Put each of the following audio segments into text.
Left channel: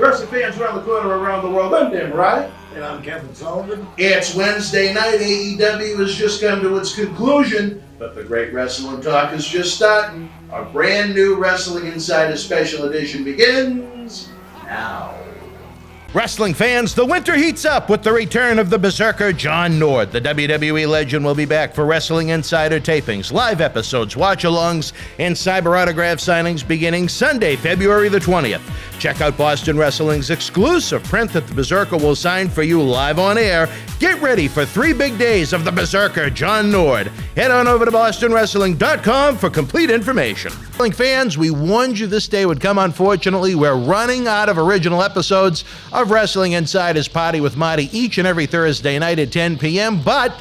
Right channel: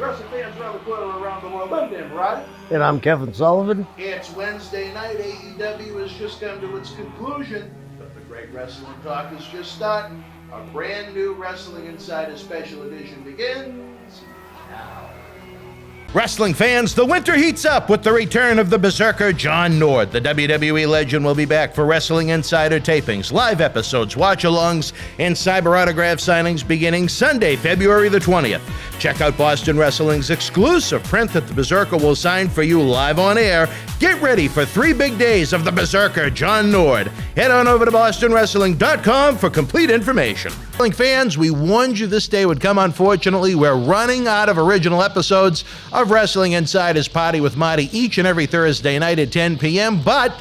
Wrestling fans around the corner, around the world, I'm Dan Brody. And I'm Kevin Sullivan. It's Wednesday night. AEW has just come to its conclusion, but the great wrestling talk is just starting. Our brand new Wrestling Insider Special Edition begins now. Wrestling fans, the winter heats up with the return of the Berzerker John Nord. The WWE legend will be back for Wrestling Insider tapings, live episodes, watch-alongs, and cyber autograph signings beginning Sunday, February the 20th. Check out Boston Wrestling's exclusive print that the Berzerker will sign for you live on air. Get ready for 3 big days of the Berzerker John Nord. Head on over to bostonwrestling.com for complete information. Wrestling fans, we warned you this day would come. Unfortunately, we're running out of original episodes of Wrestling Insider's Party with Marty each and every Thursday night at 10 p.m., but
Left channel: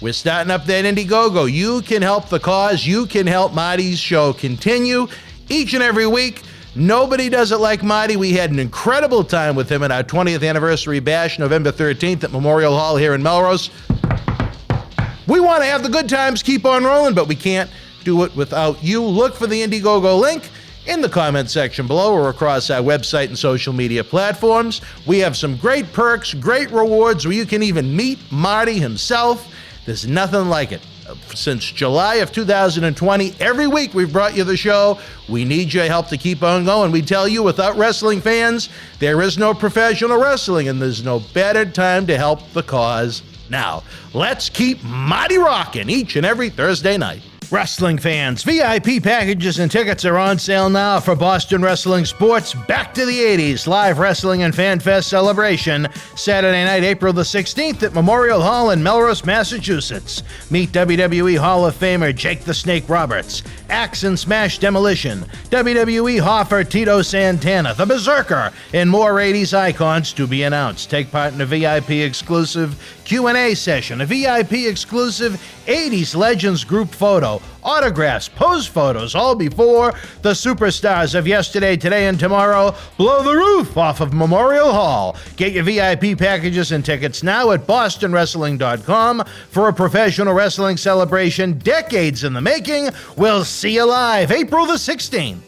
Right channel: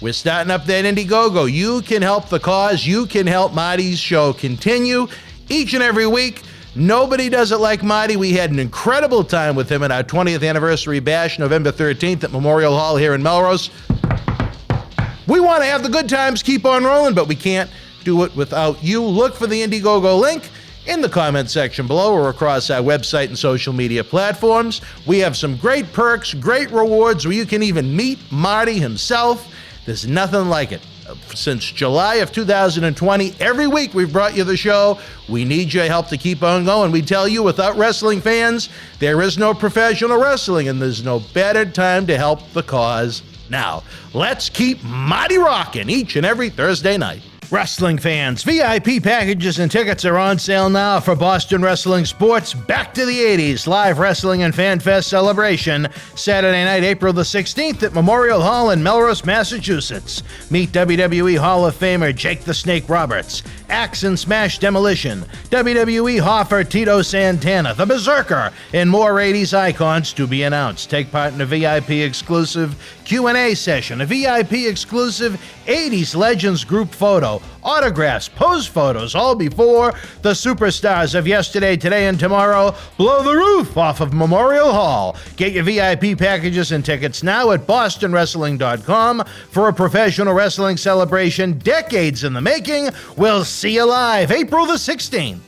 we're starting up that Indiegogo. You can help the cause. You can help Marty's show continue each and every week. Nobody does it like Marty. We had an incredible time with him at our 20th anniversary bash, November 13th at Memorial Hall here in Melrose. We want to have the good times keep on rolling, but we can't do it without you. Look for the Indiegogo link in the comment section below or across our website and social media platforms. We have some great perks, great rewards where you can even meet Marty himself. There's nothing like it. Since July of 2020, every week we've brought you the show. We need your help to keep on going. We tell you, without wrestling fans, there is no professional wrestling, and there's no better time to help the cause now. Let's keep Marty rocking each and every Thursday night. Wrestling fans, VIP packages and tickets are on sale now for Boston Wrestling Sports Back to the 80s Live Wrestling and Fan Fest celebration, Saturday night, April the 16th at Memorial Hall in Melrose, Massachusetts. Meet WWE Hall of Famer Jake the Snake Roberts, Axe and Smash Demolition, WWE Hoffer Tito Santana, the Berzerker, and more 80s icons to be announced. Take part in a VIP exclusive Q&A session, a VIP exclusive 80s Legends group photo, autographs, pose photos, all before the superstars of yesterday, today, and tomorrow blow the roof off of Memorial Hall. Get your VIP packages and tickets now at bostonwrestling.com for a professional wrestling celebration decades in the making. We'll see you live April the 16th.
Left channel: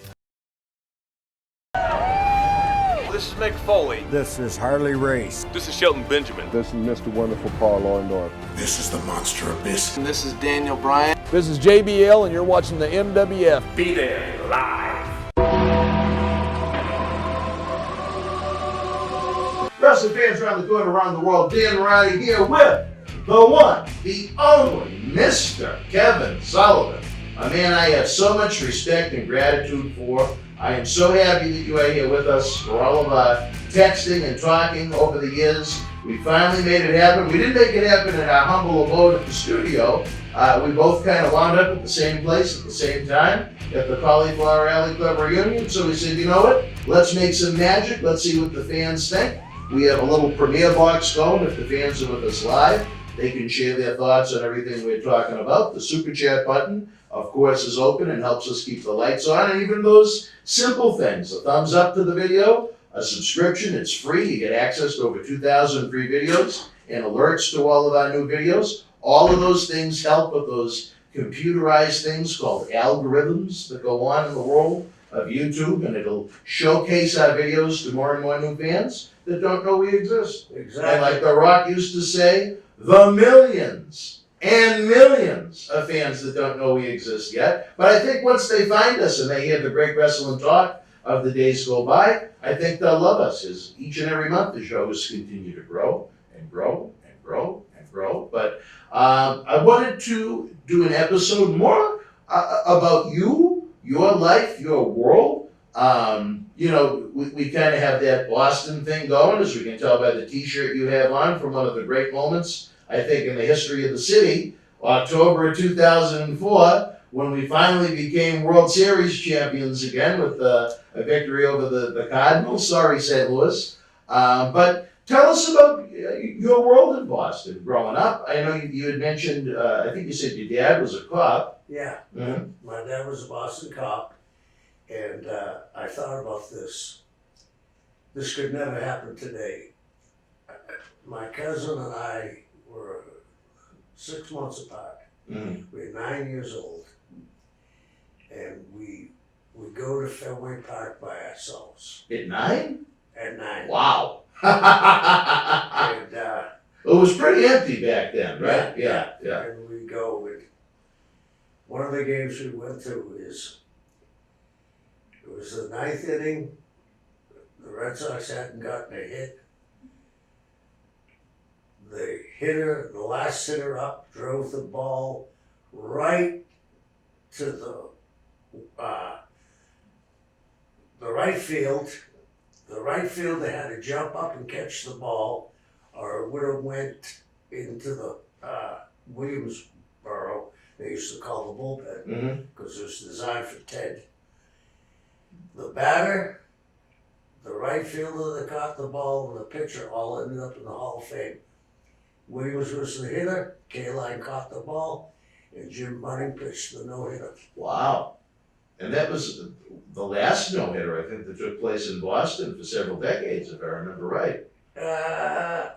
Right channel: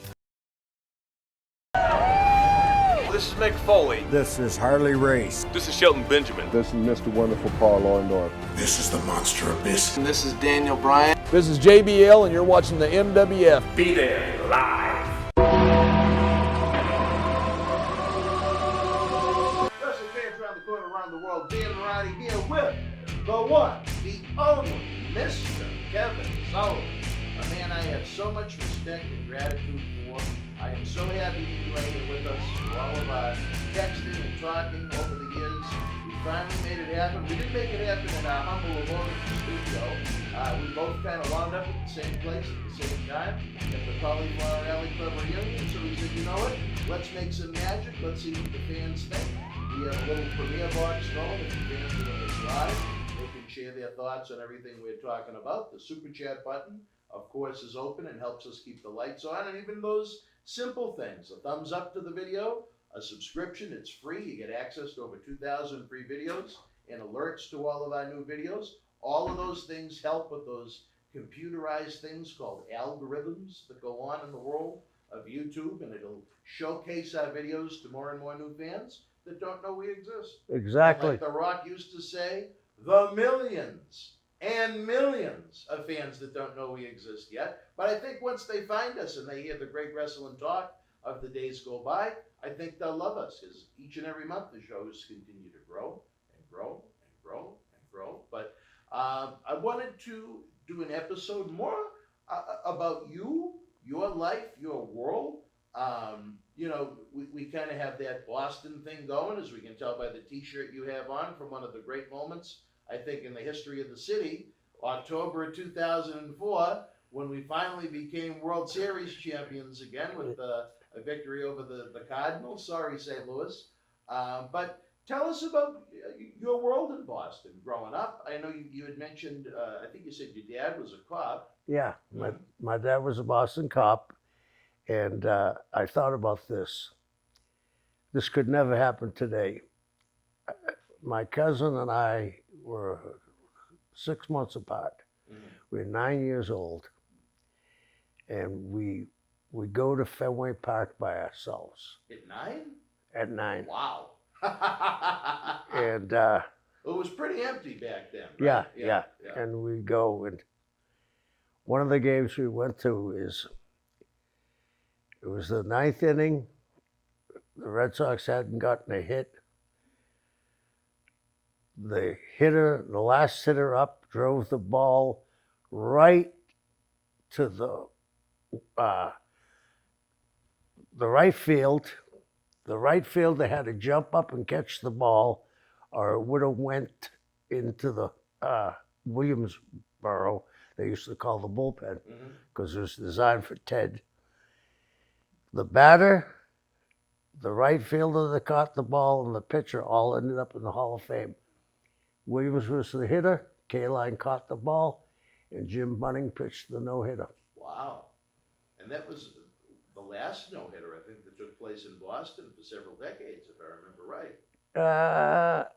This is Mick Foley. This is Harley Race. This is Shelton Benjamin. This is Mr. Wonderful Paul Orndorff. This is the Monster Abyss. And this is Daniel Bryan. This is JBL, and you're watching the MWF. Be there live. Wrestling fans around the corner, around the world, Dan Brody here with the one, the only, Mr. Kevin Sullivan. A man I have so much respect and gratitude for. I am so happy that you are here with us for all of our texting and talking over the years. We finally made it happen. We didn't make it happen in our humble abode at the studio. We both kind of wound up at the same place at the same time at the Cauliflower Alley Club reunion. So we said, you know what? Let's make some magic. Let's see what the fans think. We have a little premiere box going. If the fans are with us live, they can share their thoughts on everything we're talking about. The Super Chat button, of course, is open and helps us keep the lights on. And even those simple things, a thumbs up to the video, a subscription, it's free. You get access to over 2,000 free videos and alerts to all of our new videos. All of those things help with those computerized things called algorithms that go on in the world of YouTube, and it'll showcase our videos to more and more new fans that don't know we exist. Exactly. And like The Rock used to say, the millions and millions of fans that don't know we exist yet. But I think once they find us and they hear the great wrestling talk of the days go by, I think they'll love us, as each and every month the shows continue to grow and grow and grow and grow. But I wanted to do an episode more about you, your life, your world. You know, we kind of have that Boston thing going, as we can tell by the t-shirt you have on from one of the great moments, I think, in the history of the city, October 2004, when we finally became World Series champions again with a victory over the Cardinals. Sorry, St. Louis. But tell us about your world in Boston growing up. I know you had mentioned, I think you said your dad was a cop. Yeah, Mm-hmm. my dad was a Boston cop, and I thought about this. This could never happen today. My cousin and I were 6 months apart. Mm. We were 9 years old, and we go to Fenway Park by ourselves. At 9? at 9. Wow. And It was pretty empty back then, right? Yeah. Yeah. And we go, and one of the games we went to it was the 9th inning. The Red Sox hadn't gotten a hit. The last hitter up, drove the ball right to the right field. The right fielder had to jump up and catch the ball, or it would have went into the Williamsboro. They used to call the bullpen because it was designed for Ted. The batter, the right fielder that caught the ball, and the pitcher all ended up in the Hall of Fame. Williams was the hitter, K-Line caught the ball, and Jim Bunning pitched the no-hitter. Wow. And that was the last no-hitter, I think, that took place in Boston for several decades, if I remember right.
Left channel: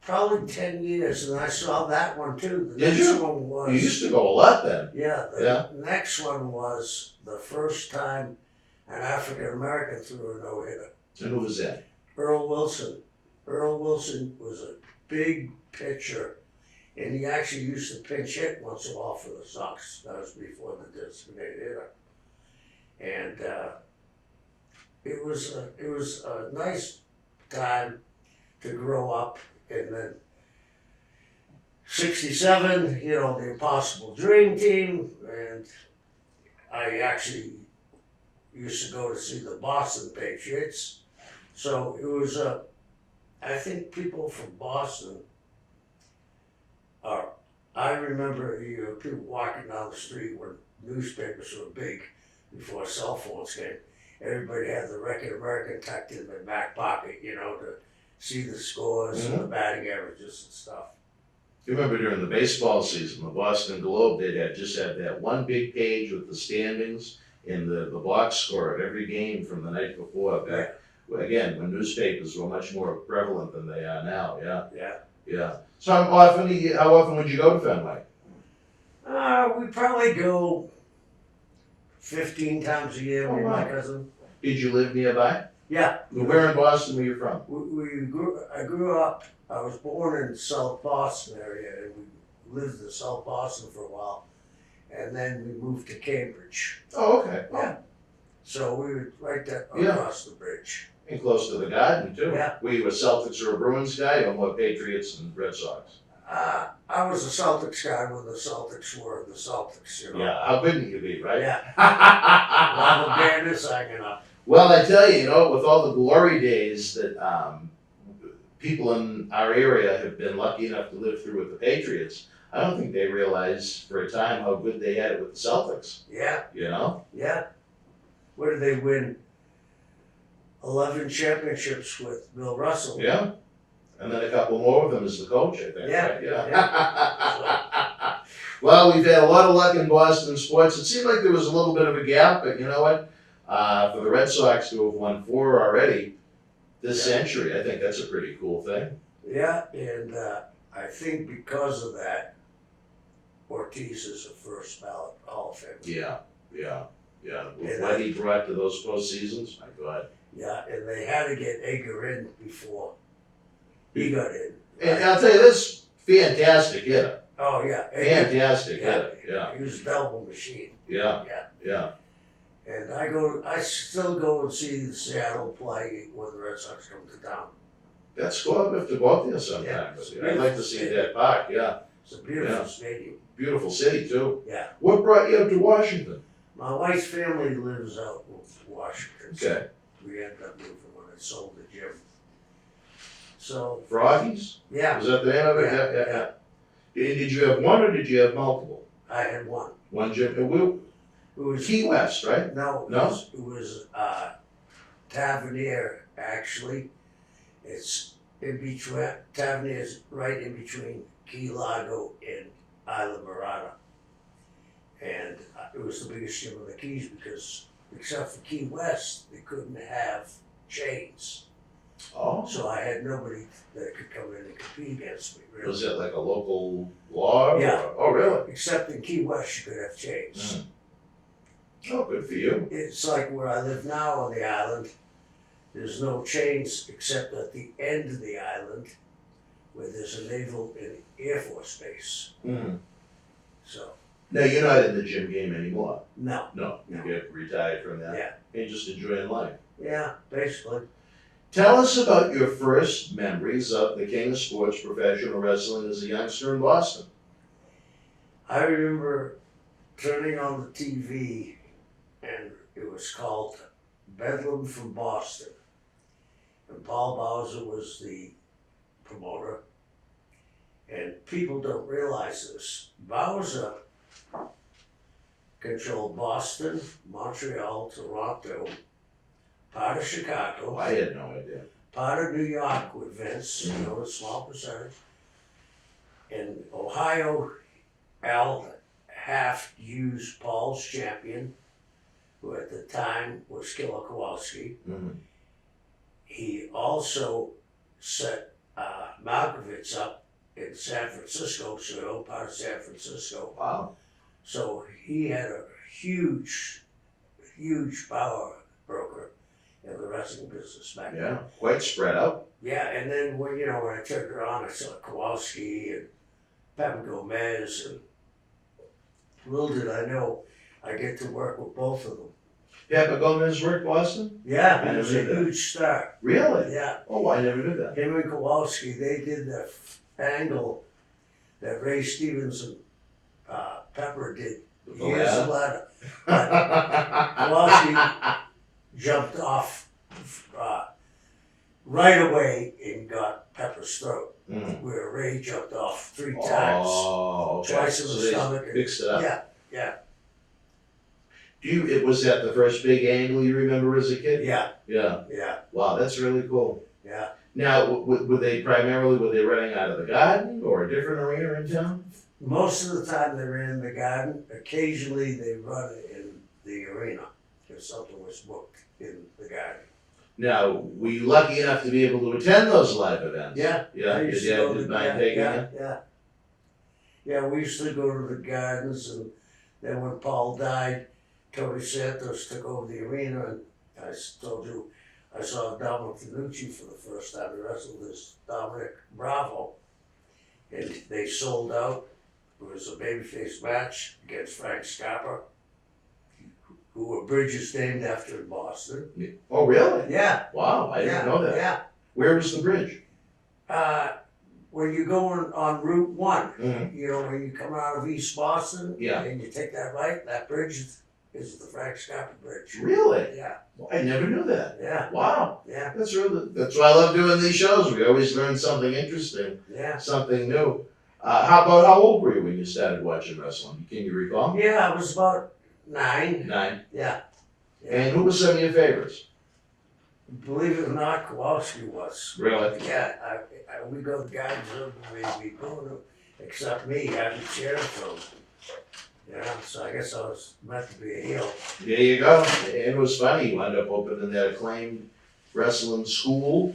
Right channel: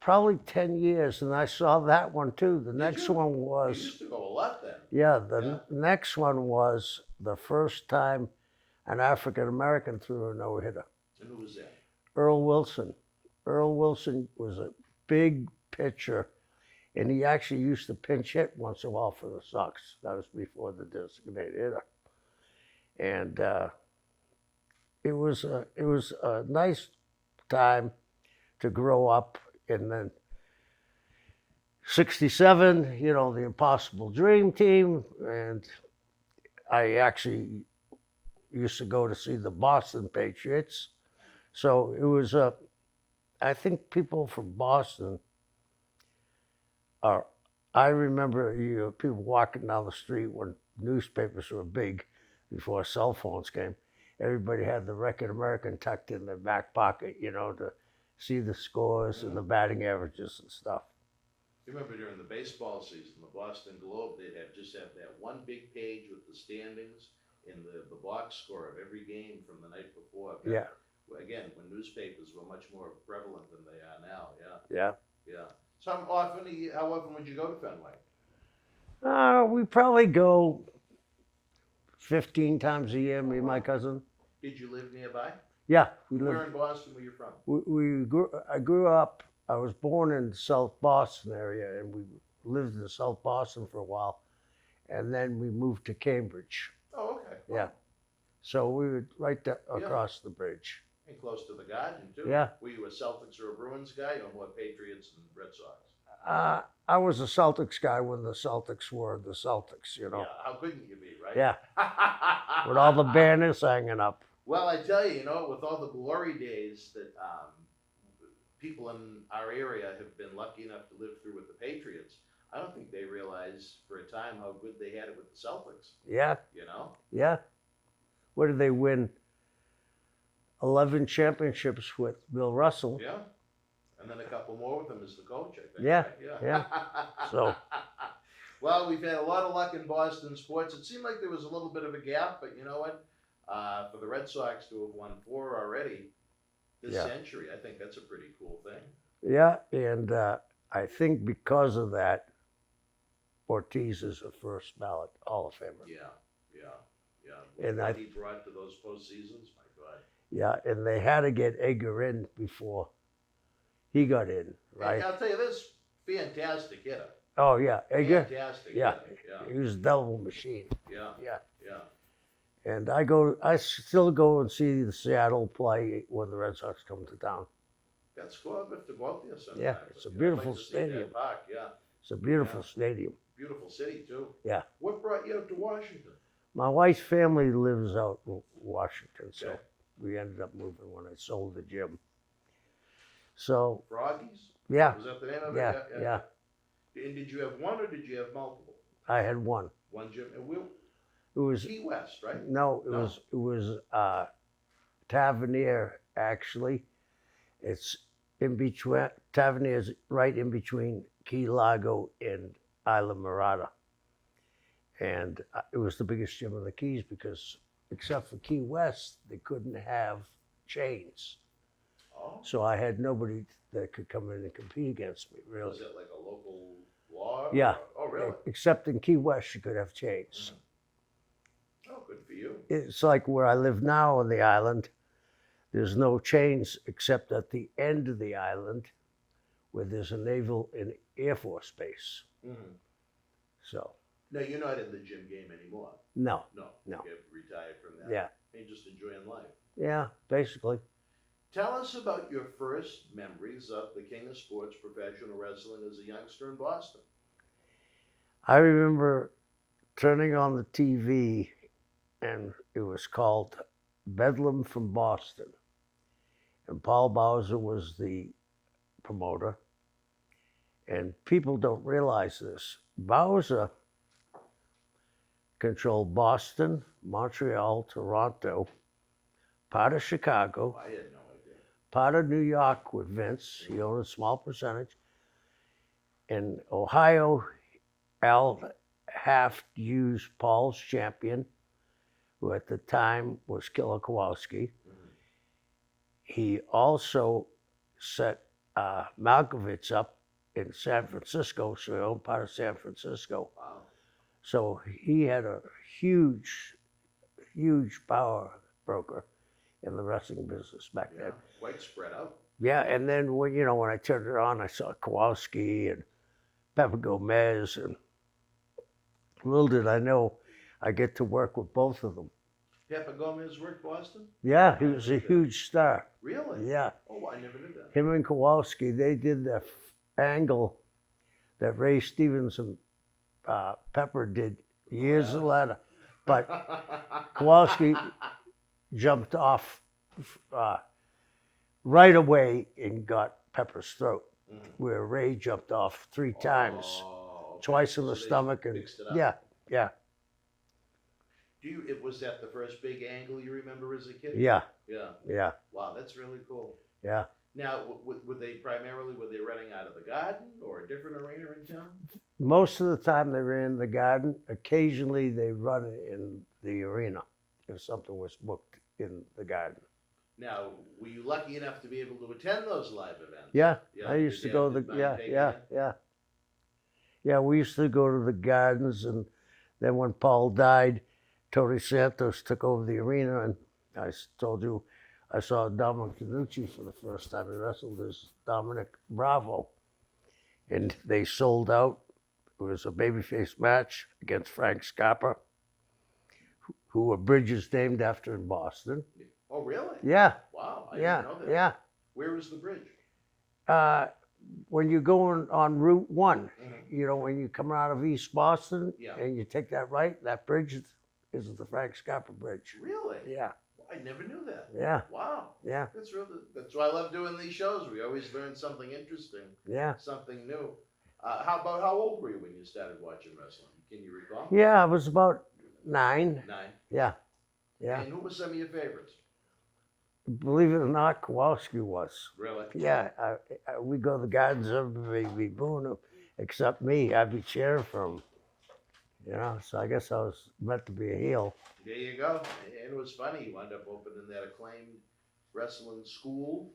Probably 10 years, and I saw that one too. The Did next you? one was... You used to go a lot then. Yeah, the next one was the first time an African-American threw a no-hitter. And who was that? Earl Wilson. Earl Wilson was a big pitcher, and he actually used to pinch hit once in a while for the Sox. That was before the designated hitter. And it was a nice time to grow up. And then 67, the Impossible Dream Team, and I actually used to go to see the Boston Patriots. So it was I think people from Boston I remember people walking down the street when newspapers were big before cell phones came. Everybody had the Record American tucked in their back pocket, to see the scores and the batting averages and stuff. You remember during the baseball season, the Boston Globe, they'd just have that one big page with the standings and the box score of every game from the night before. Back, again, when newspapers were much more prevalent than they are now. Yeah. So how often would you go to Fenway? We probably go 15 times a year, me and my cousin. Did you live nearby? Yeah. Where in Boston were you from? I grew up, I was born in the South Boston area, and we lived in South Boston for a while, and then we moved to Cambridge. Oh, okay. Yeah. So we were right there across the bridge. And close to the Garden, too. Yeah. Were you a Celtics or a Bruins guy, or more Patriots and Red Sox? I was a Celtics guy when the Celtics were the Celtics, Yeah, how couldn't you be, right? Yeah. With all the banners hanging up. Well, I tell you, with all the glory days that people in our area have been lucky enough to live through with the Patriots, I don't think they realized for a time how good they had it with the Celtics. Yeah. Yeah. What did they win? 11 championships with Bill Russell. Yeah. And then a couple more of them as the coach, I think. Yeah. Right? Yeah. So. Well, we've had a lot of luck in Boston sports. It seemed like there was a little bit of a gap, but you know what? For the Red Sox to have won 4 already this century, I think that's a pretty cool thing. Yeah, and I think because of that, Ortiz is the first ballot Hall of Famer. Yeah. And What he brought to those postseasons, my God. Yeah, and they had to get Edgar in before he got in. Right? And I'll tell you this, fantastic hitter. Oh, yeah. Edgar, Fantastic hitter, yeah. He was a double machine. Yeah. And I still go and see the Seattle play when the Red Sox come to town. That's cool. I'll have to go out there sometime. Yeah, I'd like to see that park, yeah. It's a beautiful stadium. Beautiful city, too. Yeah. What brought you up to Washington? My wife's family lives out in Washington. So Okay. we ended up moving when I sold the gym. So, Froggies? yeah. Was that the name of it? Yeah. Did you have one or did you have multiple? I had one. One gym? It was Key West, right? No, it was Tavernier, actually. It's in between, Tavernier is right in between Key Largo and Isla Mirada. And it was the biggest gym in the Keys because, except for Key West, they couldn't have chains. Oh. So I had nobody that could come in and compete against me, really. Was it like a local law? Yeah. Oh, really? Except in Key West, you could have chains. Oh, good for you. It's like where I live now on the island. There's no chains except at the end of the island where there's a Naval and Air Force base. Mhm. So, Now, you're not in the gym game anymore. no. No, No. you get retired from that. Yeah. You're just enjoying life. Yeah, basically. Tell us about your first memories of the king of sports, professional wrestling, as a youngster in Boston. I remember turning on the TV and it was called Bedlam from Boston. And Paul Bowser was the promoter. And people don't realize this. Bowser controlled Boston, Montreal, Toronto, part of Chicago, Oh, I had no idea. part of New York with Vince, you know, a small percentage. In Ohio, Al Haft used Paul's champion, who at the time was Killer Kowalski. Mhm. He also set Malkovich up in San Francisco, so part of San Francisco. Wow. So he had a huge, huge power broker in the wrestling business back then. Yeah, quite spread out. Yeah, and then when I turned it on, I saw Kowalski and Pepper Gomez, and little did I know I get to work with both of them. Pepper Gomez worked Boston? Yeah, I he was a never knew that. huge star. Really? Yeah, Oh, I never knew that. him and Kowalski, they did the angle that Ray Stevens and Pepper did years yeah? later. Kowalski jumped off right away and got Pepper's throat, Mm. where Ray jumped off 3 times, Oh, okay. twice in the So they stomach. And, fixed it up. yeah, Was that the first big angle you remember as a kid? yeah, Yeah. yeah, Wow, that's really cool. yeah. Now, were they running out of the Garden or a different arena in town? Most of the time they were in the Garden. Occasionally they run in the arena if something was booked in the Garden. Now, were you lucky enough to be able to attend those live events? Yeah, Yeah, I your used to dad go to didn't the mind taking yeah, you? yeah. Yeah, we used to go to the Gardens, and then when Paul died, Tony Santos took over the arena, and I told you I saw Dominic Finucci for the first time. He wrestled as Dominic Bravo, and they sold out. It was a babyface match against Frank Scapper, who a bridge is named after in Boston. Oh, really? Yeah, Wow, I yeah, didn't know that. yeah. Where was the bridge? When you're going on Route 1, Mhm. when you come out of East Boston, Yeah. and you take that right, that bridge is the Frank Scapper Bridge. Really? Yeah, I never knew that. yeah, Wow. yeah, That's why I love doing these shows. We always learn something interesting, yeah. something new. How old were you when you started watching wrestling? Can you recall? Yeah, I was about 9. 9. Yeah, yeah. And who were some of your favorites? Believe it or not, Kowalski was. Really? Yeah, we go to the Gardens of the baby boon, except me. I'd be cheering for him. So I guess I was meant to be a heel. There you go. And it was funny. You wound up opening that acclaimed wrestling school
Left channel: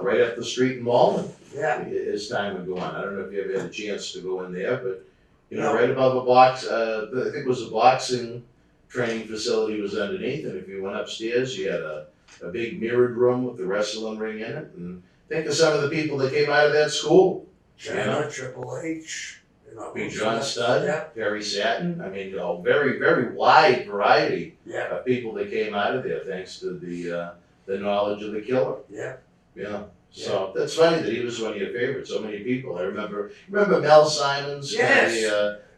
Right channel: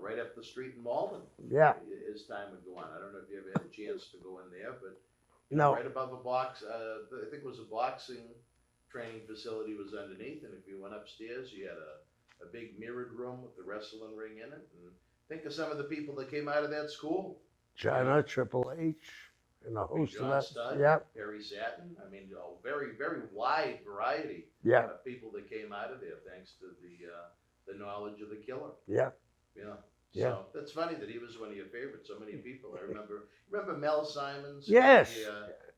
right up the street in Malden. Yeah, As time would go on. I don't know if you ever had a chance to go in there, but No. right above a box, I think it was a boxing training facility was underneath, and if you went upstairs, you had a big mirrored room with the wrestling ring in it. And think of some of the people that came out of that school. China, Triple H, Big John Studd, Yeah, Barry Satin. I mean, a very, very wide variety yeah, of people that came out of there thanks to the knowledge of the killer. yeah. Yeah. So that's funny that he was one of your favorites. So many people. I remember Mel Simons, Yes.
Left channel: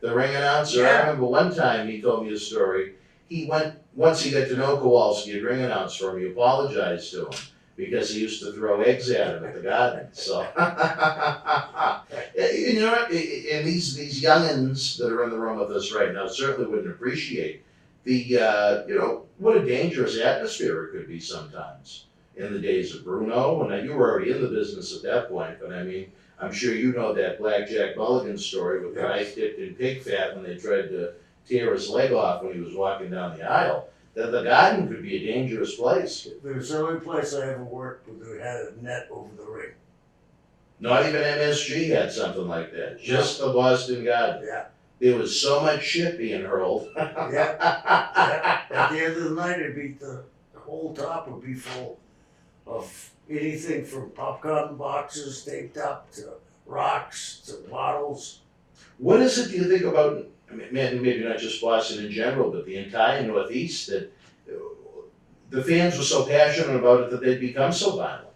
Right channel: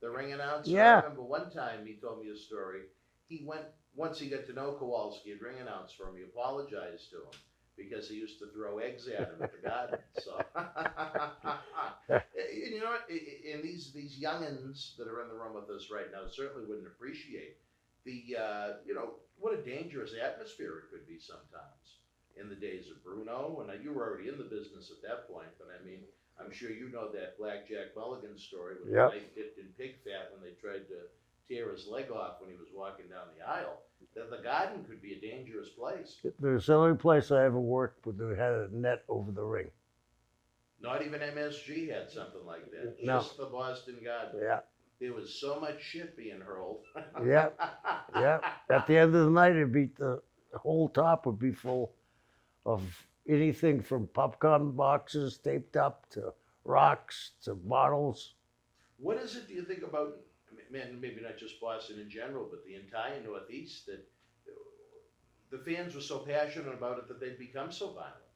the ring announcer. Yeah. I remember one time he told me a story. He went once he got to know Kowalski, a ring announcer for him. He apologized to him because he used to throw eggs at him at the Garden. So and these youngins that are in the room with us right now certainly wouldn't appreciate the what a dangerous atmosphere it could be sometimes. In the days of Bruno, and you were already in the business at that point, but I mean, I'm sure you know that Blackjack Mulligan story with the knife dipped in pig fat when they tried to tear his leg off when he was walking down the aisle. That the Garden could be a dangerous place. There's the only place I ever worked with that had a net over the ring. Not even MSG had something like that. No. Just the Boston Garden. Yeah, There was so much shit being hurled. yeah. At the end of the night, the whole top would be full of anything from popcorn boxes taped up to rocks to bottles. What is it do you think about, I mean, maybe not just Boston in general, but the entire Northeast, that the fans were so passionate about it that they'd become so violent?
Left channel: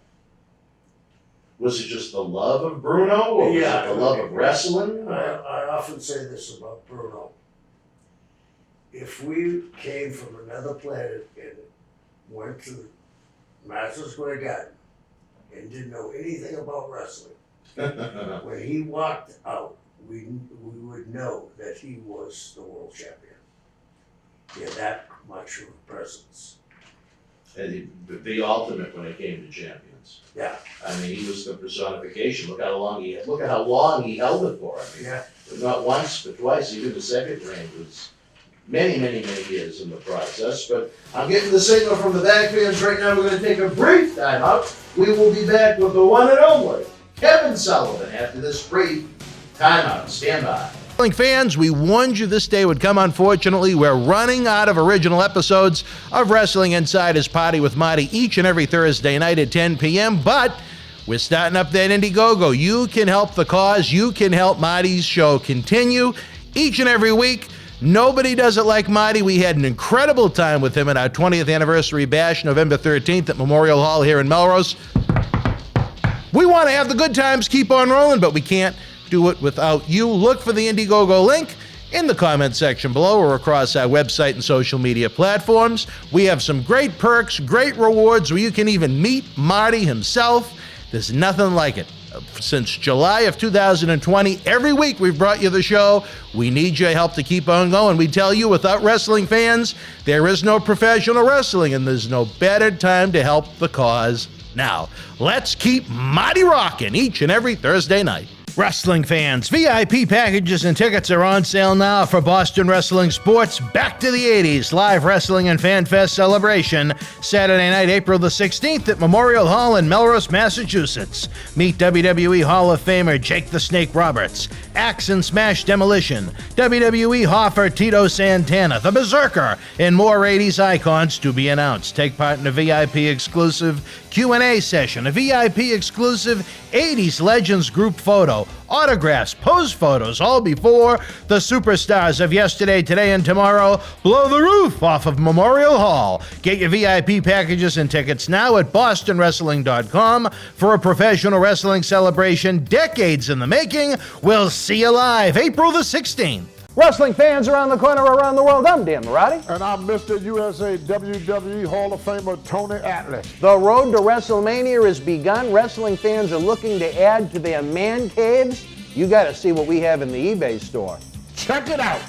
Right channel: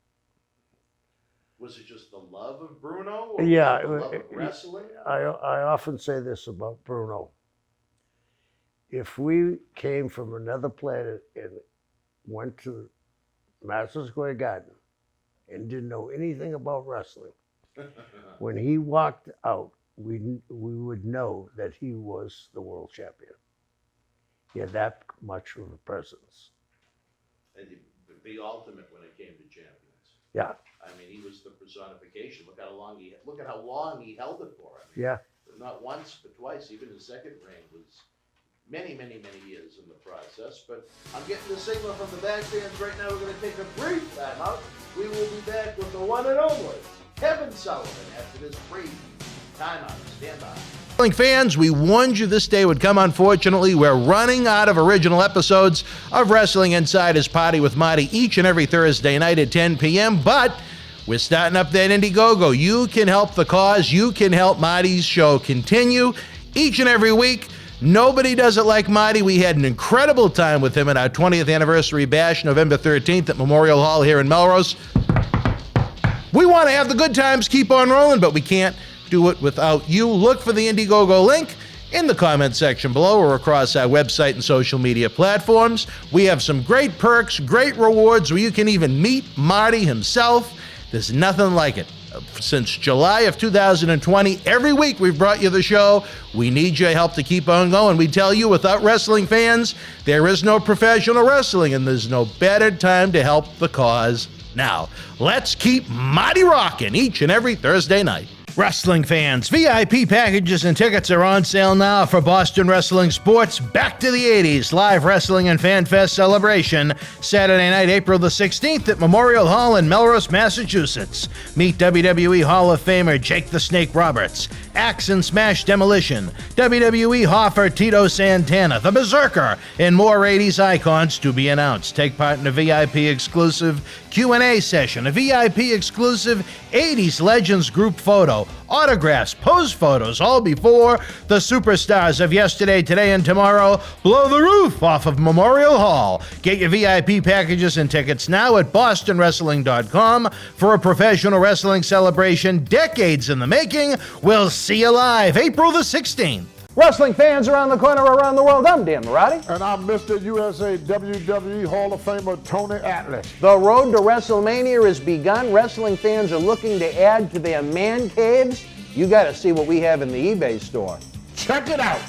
Was it just the love of Bruno, or was it the love of wrestling? I often say this about Bruno. If we came from another planet and went to Madison Square Garden and didn't know anything about wrestling, when he walked out, we would know that he was the world champion. He had that much of a presence. And the ultimate when it came to champions. Yeah. I mean, he was the personification. Look how long he held it for. I mean, Yeah. not once, but twice. Even the second reign was many years in the process. But I'm getting the signal from the back fans right now. We're going to take a brief time out. We will be back with the one and only Kevin Sullivan after this brief time out. Stand by. Wrestling fans, we warned you this day would come. Unfortunately, we're running out of original episodes of Wrestling Insider's Party with Marty each and every Thursday night at 10 p.m., but we're starting up that Indiegogo. You can help the cause. You can help Marty's show continue each and every week. Nobody does it like Marty. We had an incredible time with him at our 20th anniversary bash, November 13th at Memorial Hall here in Melrose. We want to have the good times keep on rolling, but we can't do it without you. Look for the Indiegogo link in the comment section below or across our website and social media platforms. We have some great perks, great rewards where you can even meet Marty himself. There's nothing like it. Since July of 2020, every week we've brought you the show. We need your help to keep on going. We tell you, without wrestling fans, there is no professional wrestling, and there's no better time to help the cause now. Let's keep Marty rocking each and every Thursday night. Wrestling fans, VIP packages and tickets are on sale now for Boston Wrestling Sports Back to the 80s Live Wrestling and Fan Fest celebration, Saturday night, April the 16th at Memorial Hall in Melrose, Massachusetts. Meet WWE Hall of Famer Jake the Snake Roberts, Axe and Smash Demolition, WWE Hoffer Tito Santana, the Berzerker, and more 80s icons to be announced. Take part in a VIP exclusive Q&A session, a VIP exclusive 80s Legends group photo, autographs, pose photos, all before the superstars of yesterday, today, and tomorrow blow the roof off of Memorial Hall. Get your VIP packages and tickets now at bostonwrestling.com for a professional wrestling celebration decades in the making. We'll see you live April the 16th. Wrestling fans around the corner, around the world, I'm Dan Marotti. And I'm Mr. USA WWE Hall of Famer Tony Atlas. The road to WrestleMania has begun. Wrestling fans are looking to add to their man caves. You got to see what we have in the eBay store. Check it out.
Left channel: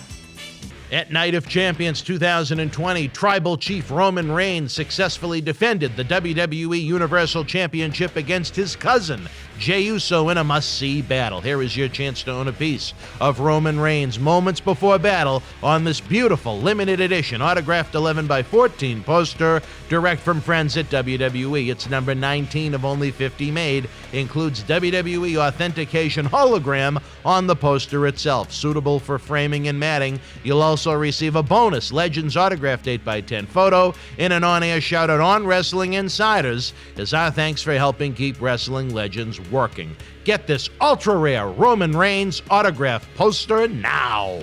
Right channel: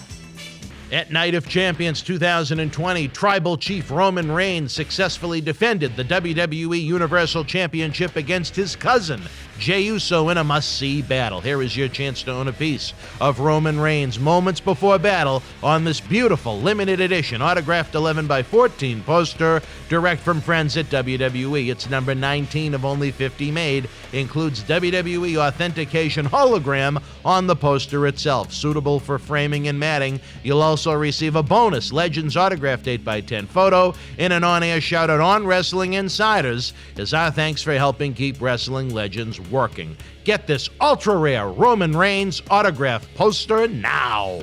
At Night of Champions 2020, Tribal Chief Roman Reigns successfully defended the WWE Universal Championship against his cousin, Jey Uso, in a must-see battle. Here is your chance to own a piece of Roman Reigns' moments before battle on this beautiful limited edition autographed 11x14 poster, direct from friends at WWE. It's number 19 of only 50 made, includes WWE authentication hologram on the poster itself, suitable for framing and matting. You'll also receive a bonus Legends autographed 8x10 photo and an on-air shout-out on Wrestling Insiders as our thanks for helping keep Wrestling Legends working. Get this ultra-rare Roman Reigns autograph poster now.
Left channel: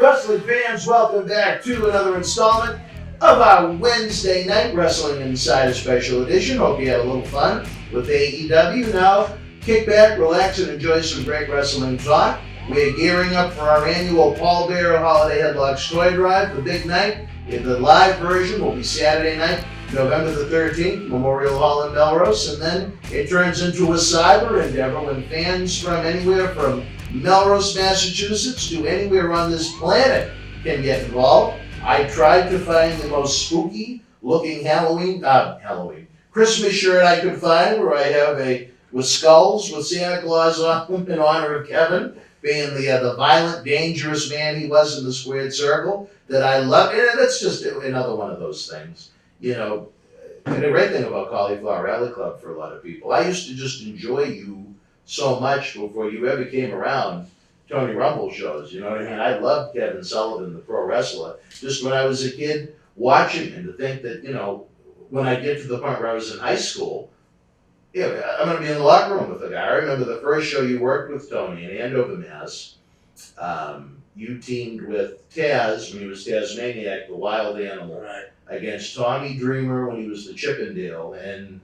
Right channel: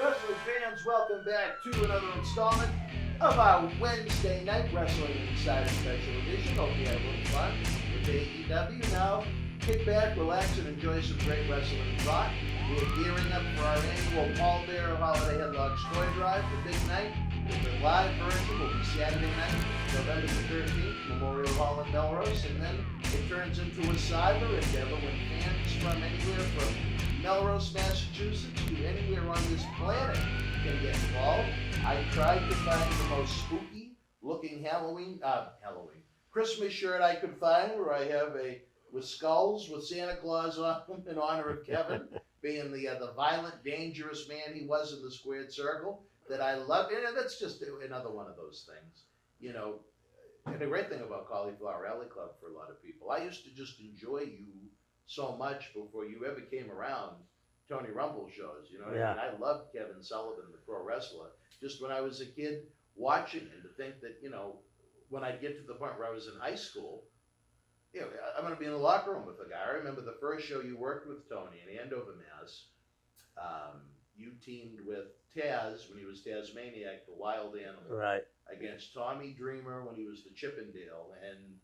Wrestling fans, welcome back to another installment of our Wednesday night Wrestling Insider Special Edition. Hope you had a little fun with AEW. Now, kick back, relax, and enjoy some great wrestling talk. We're gearing up for our annual Paul Bearer Holiday Headlocks Toy Drive, the big night. The live version will be Saturday night, November the 13th, Memorial Hall in Melrose, and then it turns into a cyber endeavor when fans from anywhere from Melrose, Massachusetts to anywhere on this planet can get involved. I tried to find the most spooky looking Christmas shirt I could find, where I have with skulls with Santa Claus on them in honor of Kevin being the violent, dangerous man he was in the squared circle that I love. And that's just another one of those things. You know, and the great thing about Cauliflower Alley Club for a lot of people, I used to just enjoy you so much before you ever came around Tony Rumble shows. You know what I mean? I loved Kevin Sullivan, the pro wrestler, just when I was a kid watching him, to think that, you know, when I get to the point where I was in high school, Yeah, I'm going to be in the locker room with the guy. I remember the first show you worked with Tony in Andover, Mass. You teamed with Taz when he was Tasmaniac, the wild animal, Right. against Tommy Dreamer when he was the Chippendale, and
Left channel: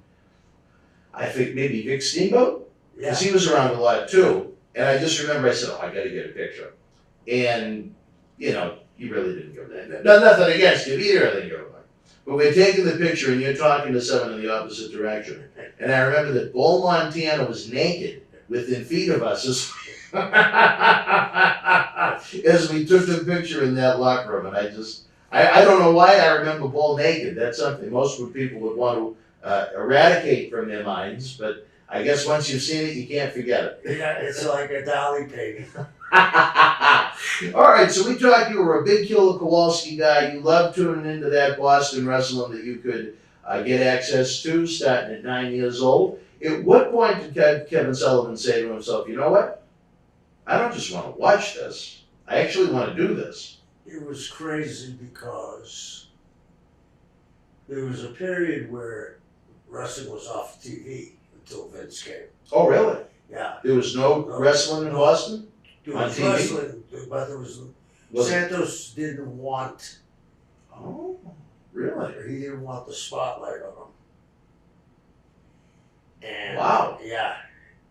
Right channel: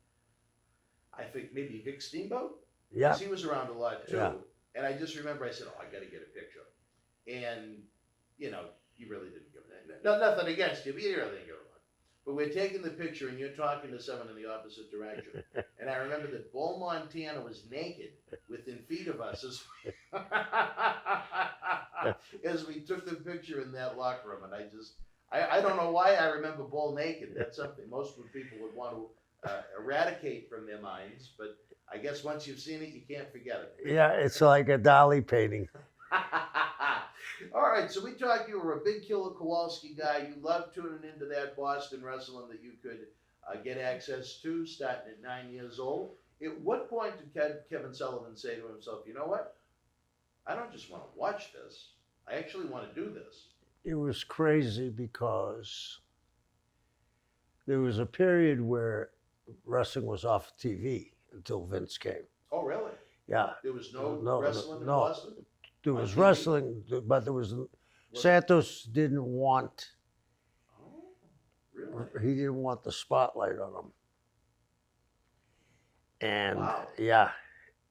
I think maybe Vic Steamboat? Yeah. Because he was around a lot too. And I just remember I said, oh, I got to get a picture. And, you know, you really didn't go that. No, nothing against you. You really didn't go back. But we're taking the picture and you're talking to someone in the opposite direction. And I remember that Bull Montana was naked within feet of us as we took the picture in that locker room. And I don't know why I remember Bull naked. That's something most people would want to eradicate from their minds. But I guess once you've seen it, you can't forget it. Yeah, it's like a dolly painting. All right, so we talked. You were a big Killer Kowalski guy. You loved tuning into that Boston wrestling that you could get access to, starting at 9 years old. At what point did Kevin Sullivan say to himself, you know what? I don't just want to watch this. I actually want to do this. It was crazy because there was a period where wrestling was off TV until Vince came. Oh, really? Yeah. There was no wrestling in Boston? There On was TV? wrestling, but there was Was it- Santos didn't want. Oh, really? He didn't want the spotlight on him. And Wow. yeah,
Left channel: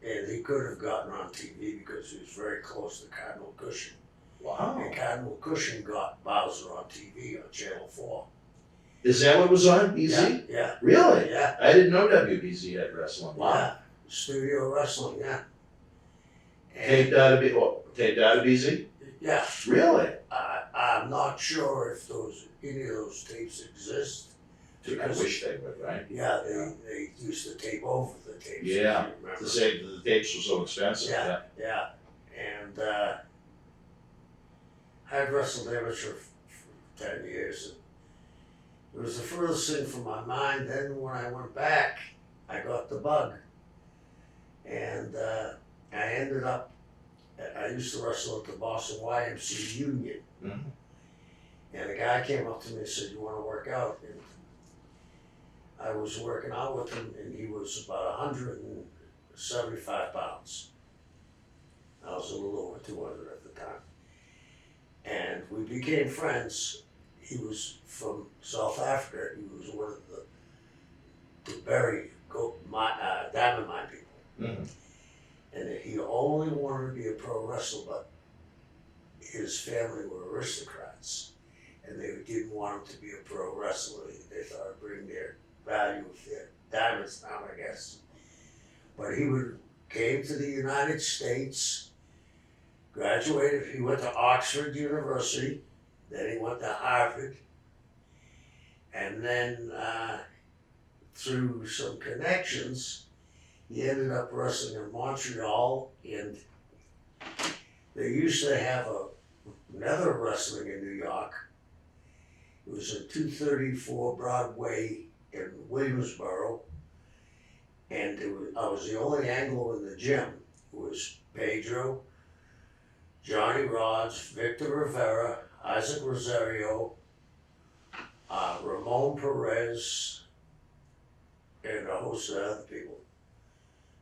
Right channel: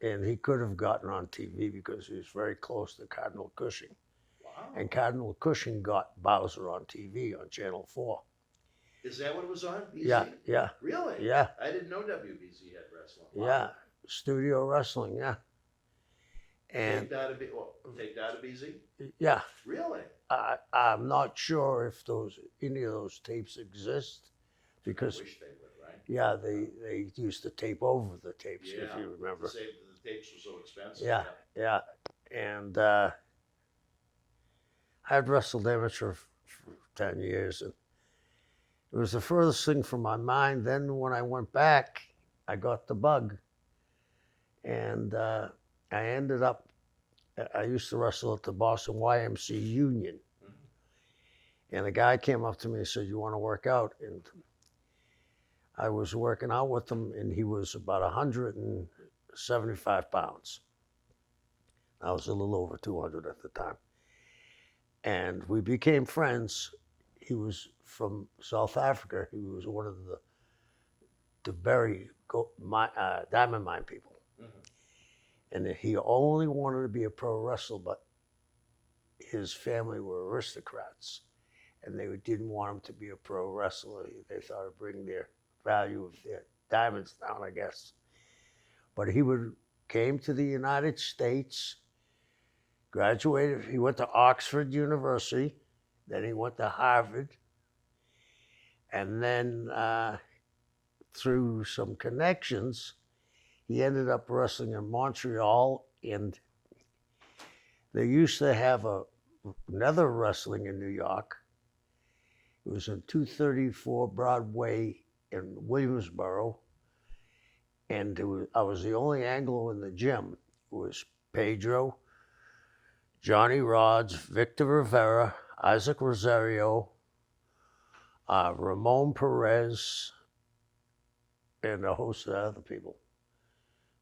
and he could have gotten on TV because he was very close to Cardinal Cushing. Wow. And Cardinal Cushing got Bowser on TV on Channel 4. Is that what was on BZ? Yeah, yeah, Really? yeah, I didn't know WBZ had wrestling. Wow. yeah. Studio wrestling, yeah. Taped And out of BZ? yeah, Really? I'm not sure if any of those tapes exist. I Because wish they would, right? yeah, they used to tape over the tapes. if Yeah. you remember. To say that the tapes were so expensive. Yeah, yeah. And I'd wrestled amateur for 10 years. And it was the furthest thing from my mind. Then when I went back, I got the bug. And I ended up, I used to wrestle at the Boston YMCA Union. Mhm. And a guy came up to me and said, you want to work out? And I was working out with him, and he was about 175 pounds. I was a little over 200 at the time. And we became friends. He was from South Africa. He was one of the Berry diamond mine people. Mhm. And he only wanted to be a pro wrestler, but his family were aristocrats. And they didn't want him to be a pro wrestler. They thought it'd bring their value of their diamonds down, I guess. But he came to the United States, graduated. He went to Oxford University, then he went to Harvard, and then through some connections, he ended up wrestling in Montreal, and they used to have another wrestling in New York. It was in 234 Broadway in Williamsboro, and I was the only Anglo in the gym. It was Pedro, Johnny Rods, Victor Rivera, Isaac Rosario, Ramon Perez, and a host of other people.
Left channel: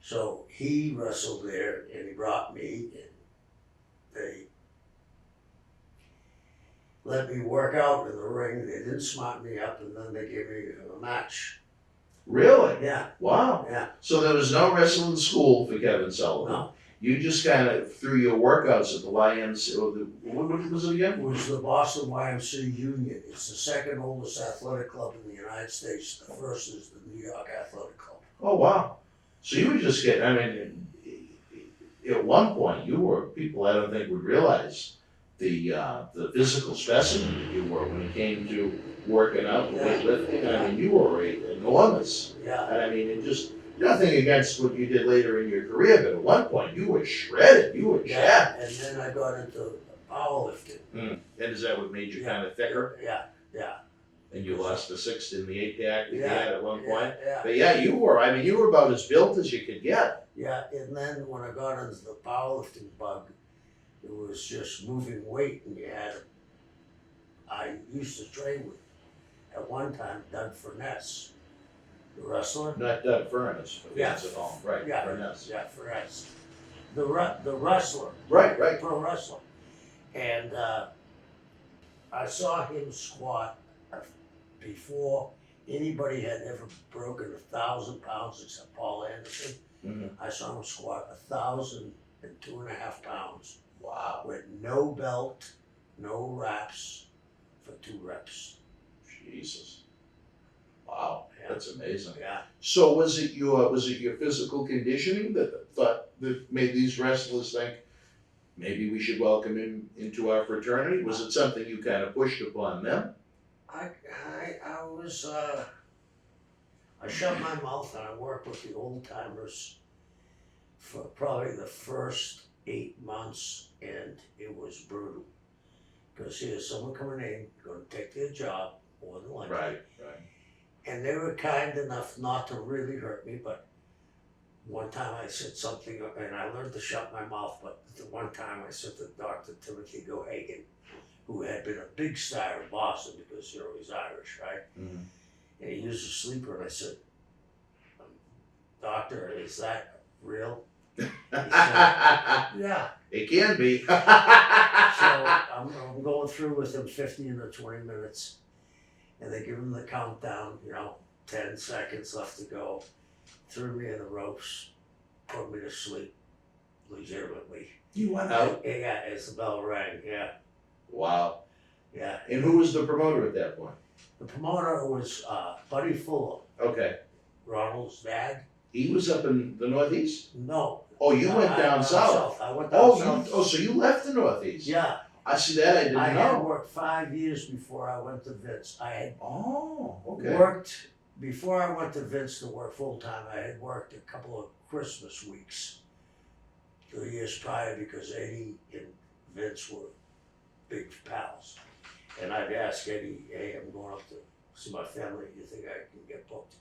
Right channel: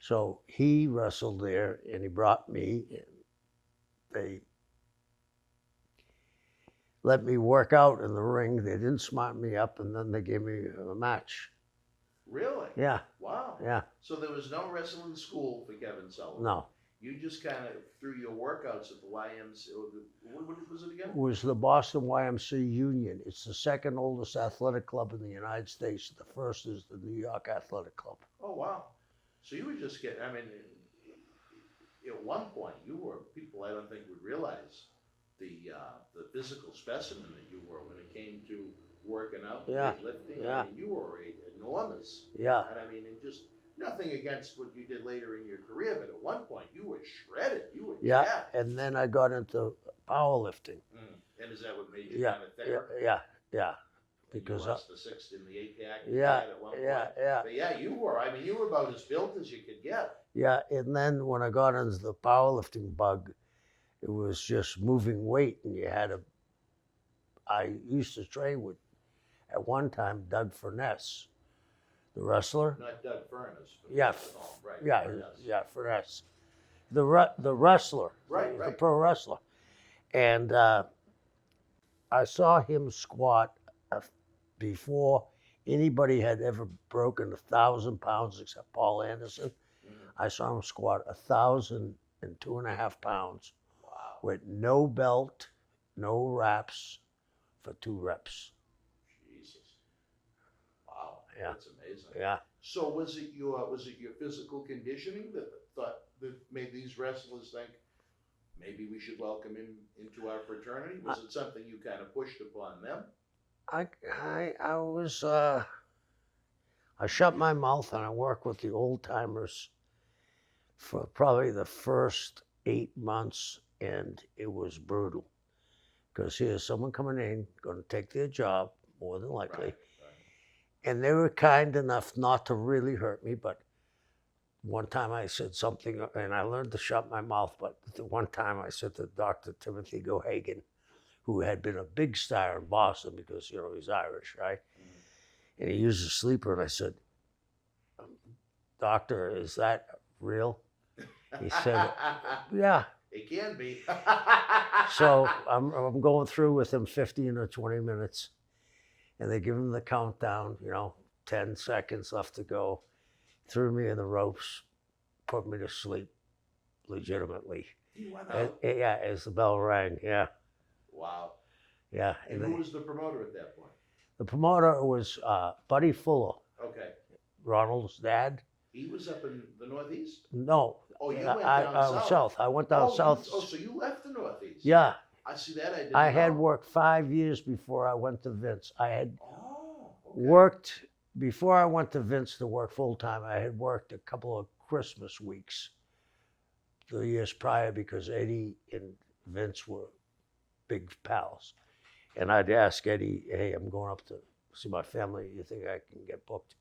So he wrestled there, and he brought me, and they let me work out in the ring. They didn't smart me up, and then they gave me a match. Really? Yeah, Wow. yeah. So there was no wrestling school for Kevin Sullivan. No. You just kind of through your workouts at the YMCA. What was it again? It was the Boston YMCA Union. It's the second oldest athletic club in the United States. The first is the New York Athletic Club. Oh wow. So you were just getting. I mean, at one point you were people I don't think would realize the physical specimen that you were when it came to working out and Yeah. weightlifting. I mean, you were enormous. Yeah, And I mean, it just nothing against what you did later in your career, but at one point you were shredded. You were yeah. jacked. And then I got into powerlifting. And is that what made you Yeah. kind of thicker? Yeah, yeah. And you lost the 6th in the 8 pack that you Yeah, had at one yeah, point. yeah. But yeah, you were. I mean, you were about as built as you could get. Yeah, and then when I got into the powerlifting bug, it was just moving weight, and I used to train with, at one time, Doug Furness, The wrestler? Not Doug Furness, but Yeah. that's at home. Right. Yeah, Furness. yeah, Furness. The wrestler. Right, right. Pro wrestler. And I saw him squat before anybody had ever broken 1,000 pounds except Paul Anderson. Mhm. I saw him squat 1,002.5 pounds Wow. with no belt, no wraps for 2 reps. Jesus. Wow. Yeah. That's amazing. Yeah. So was it your physical conditioning that made these wrestlers think maybe we should welcome him into our fraternity? Was it something you kind of pushed upon them? I was I shut my mouth and I worked with the old timers for probably the first 8 months, and it was brutal because here's someone coming in going to take their job more than likely, Right. and they were kind enough not to really hurt me. But one time I said something, and I learned to shut my mouth. But the one time I said to Dr. Timothy Gohagan, who had been a big star in Boston because, you know, he's Irish, right? Mhm. And he used a sleeper, and I said, "Doctor, is that real?" He said, "Yeah." It can be. So I'm going through with him 15 or 20 minutes, and they give him the countdown, you know, 10 seconds left to go, threw me in the ropes, put me to sleep, legitimately. You went out. Yeah, as the bell rang, yeah, Wow. yeah. And who was the promoter at that point? The promoter was Buddy Fuller, Okay. Ronald's dad. He was up in the Northeast? No. Oh, you went down south. I went down Oh, south. so you left the Northeast? Yeah, I see that. I didn't know. I had worked 5 years before I went to Vince. I had Oh, okay. worked, before I went to Vince to work full time, I had worked a couple of Christmas weeks the years prior because Eddie and Vince were big pals. And I'd ask Eddie, "Hey, I'm going up to see my family. You think I can get booked?"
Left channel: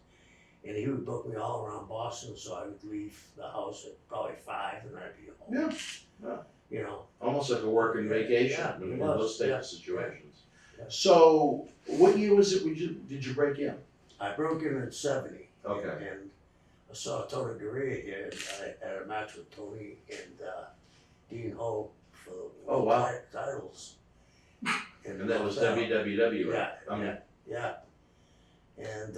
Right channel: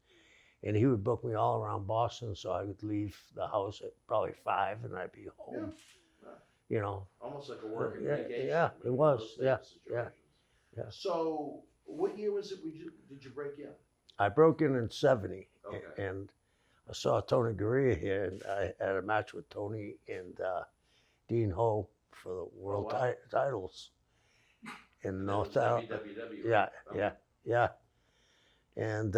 And he would book me all around Boston, so I would leave the house at probably 5 and I'd be home. Yeah. Yeah. You know, Almost like a working Yeah, vacation. yeah, it in was, those type yeah, of situations. yeah. So, what year was it? Did you break in? I broke in 70. Okay. And I saw Tony Gurria here, and I had a match with Tony and Dean Ho for the world wow. titles. And that was WWW, Yeah, right? yeah. And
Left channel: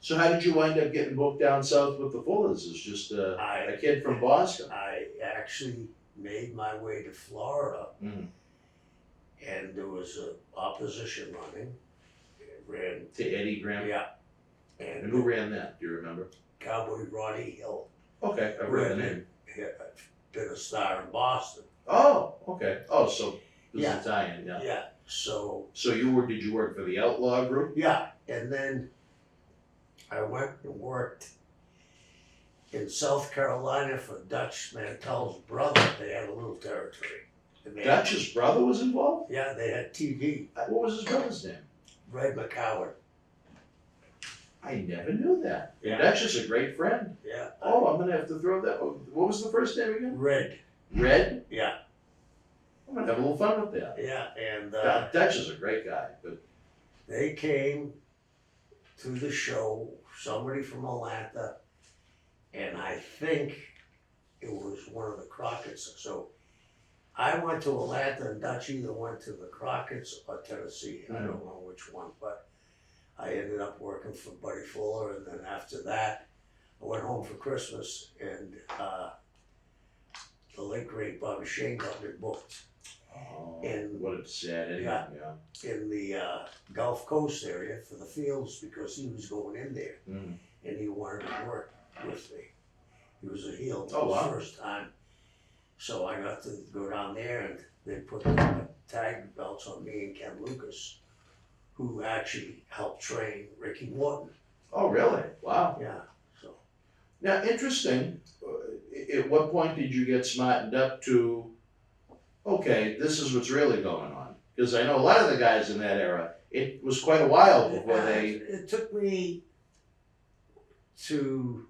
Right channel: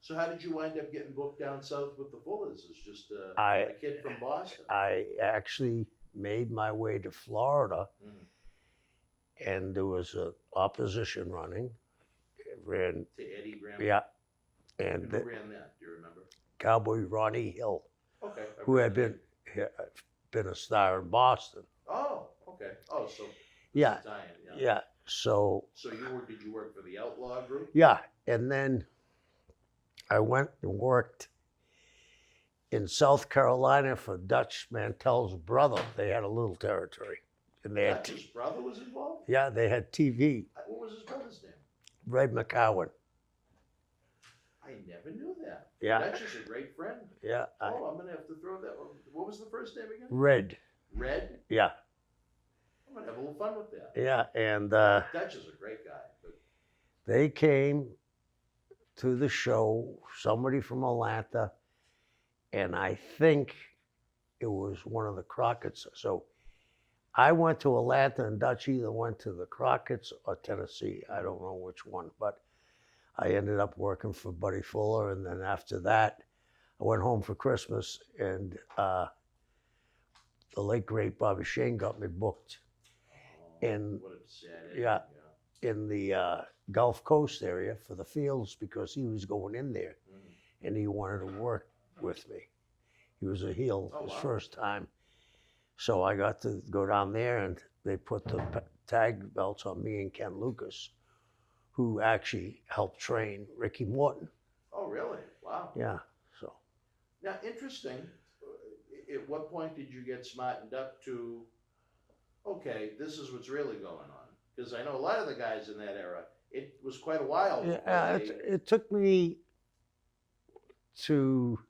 So how did you wind up getting booked down south with the Fullers? As just a kid from Boston? I actually made my way to Florida, Mm. and there was an opposition running. It ran, To Eddie Graham? yeah, And and who ran that? Do you remember? Cowboy Ronnie Hill, Okay. I who read had the name. been a star in Boston. Oh, okay. Oh, so this Yeah. is Italian, yeah. Yeah, so So did you work for the Outlaw Group? yeah, and then I went and worked in South Carolina for Dutch Mantel's brother. They had a little territory, and they had, Dutch's brother was involved? yeah, they had TV. What was his brother's name? Red McCowan. I never knew that. Yeah. Dutch is a great friend. Yeah, Oh, I'm gonna have to throw that. What was the first name again? Red. Red. Yeah, I'm gonna have a little fun with that. yeah, and Dutch is a great guy, but they came to the show. Somebody from Atlanta, and I think it was one of the Crockett's. So I went to Atlanta, and Dutch either went to the Crockett's or Tennessee. I don't know which one, but I ended up working for Buddy Fuller, and then after that, I went home for Christmas, and the late great Bobby Shane got me booked And- what a sad ending. yeah. in the Gulf Coast area for the Fields because he was going in there, Mm. and he wanted to work with me. He was a heel Oh, his wow. first time, so I got to go down there, and they put the tag belts on me and Ken Lucas, who actually helped train Ricky Morton. Oh, really? Wow. Yeah, so Now, interesting. At what point did you get smartened up to, okay, this is what's really going on? Because I know a lot of the guys in that era, it was quite a while before it took me to.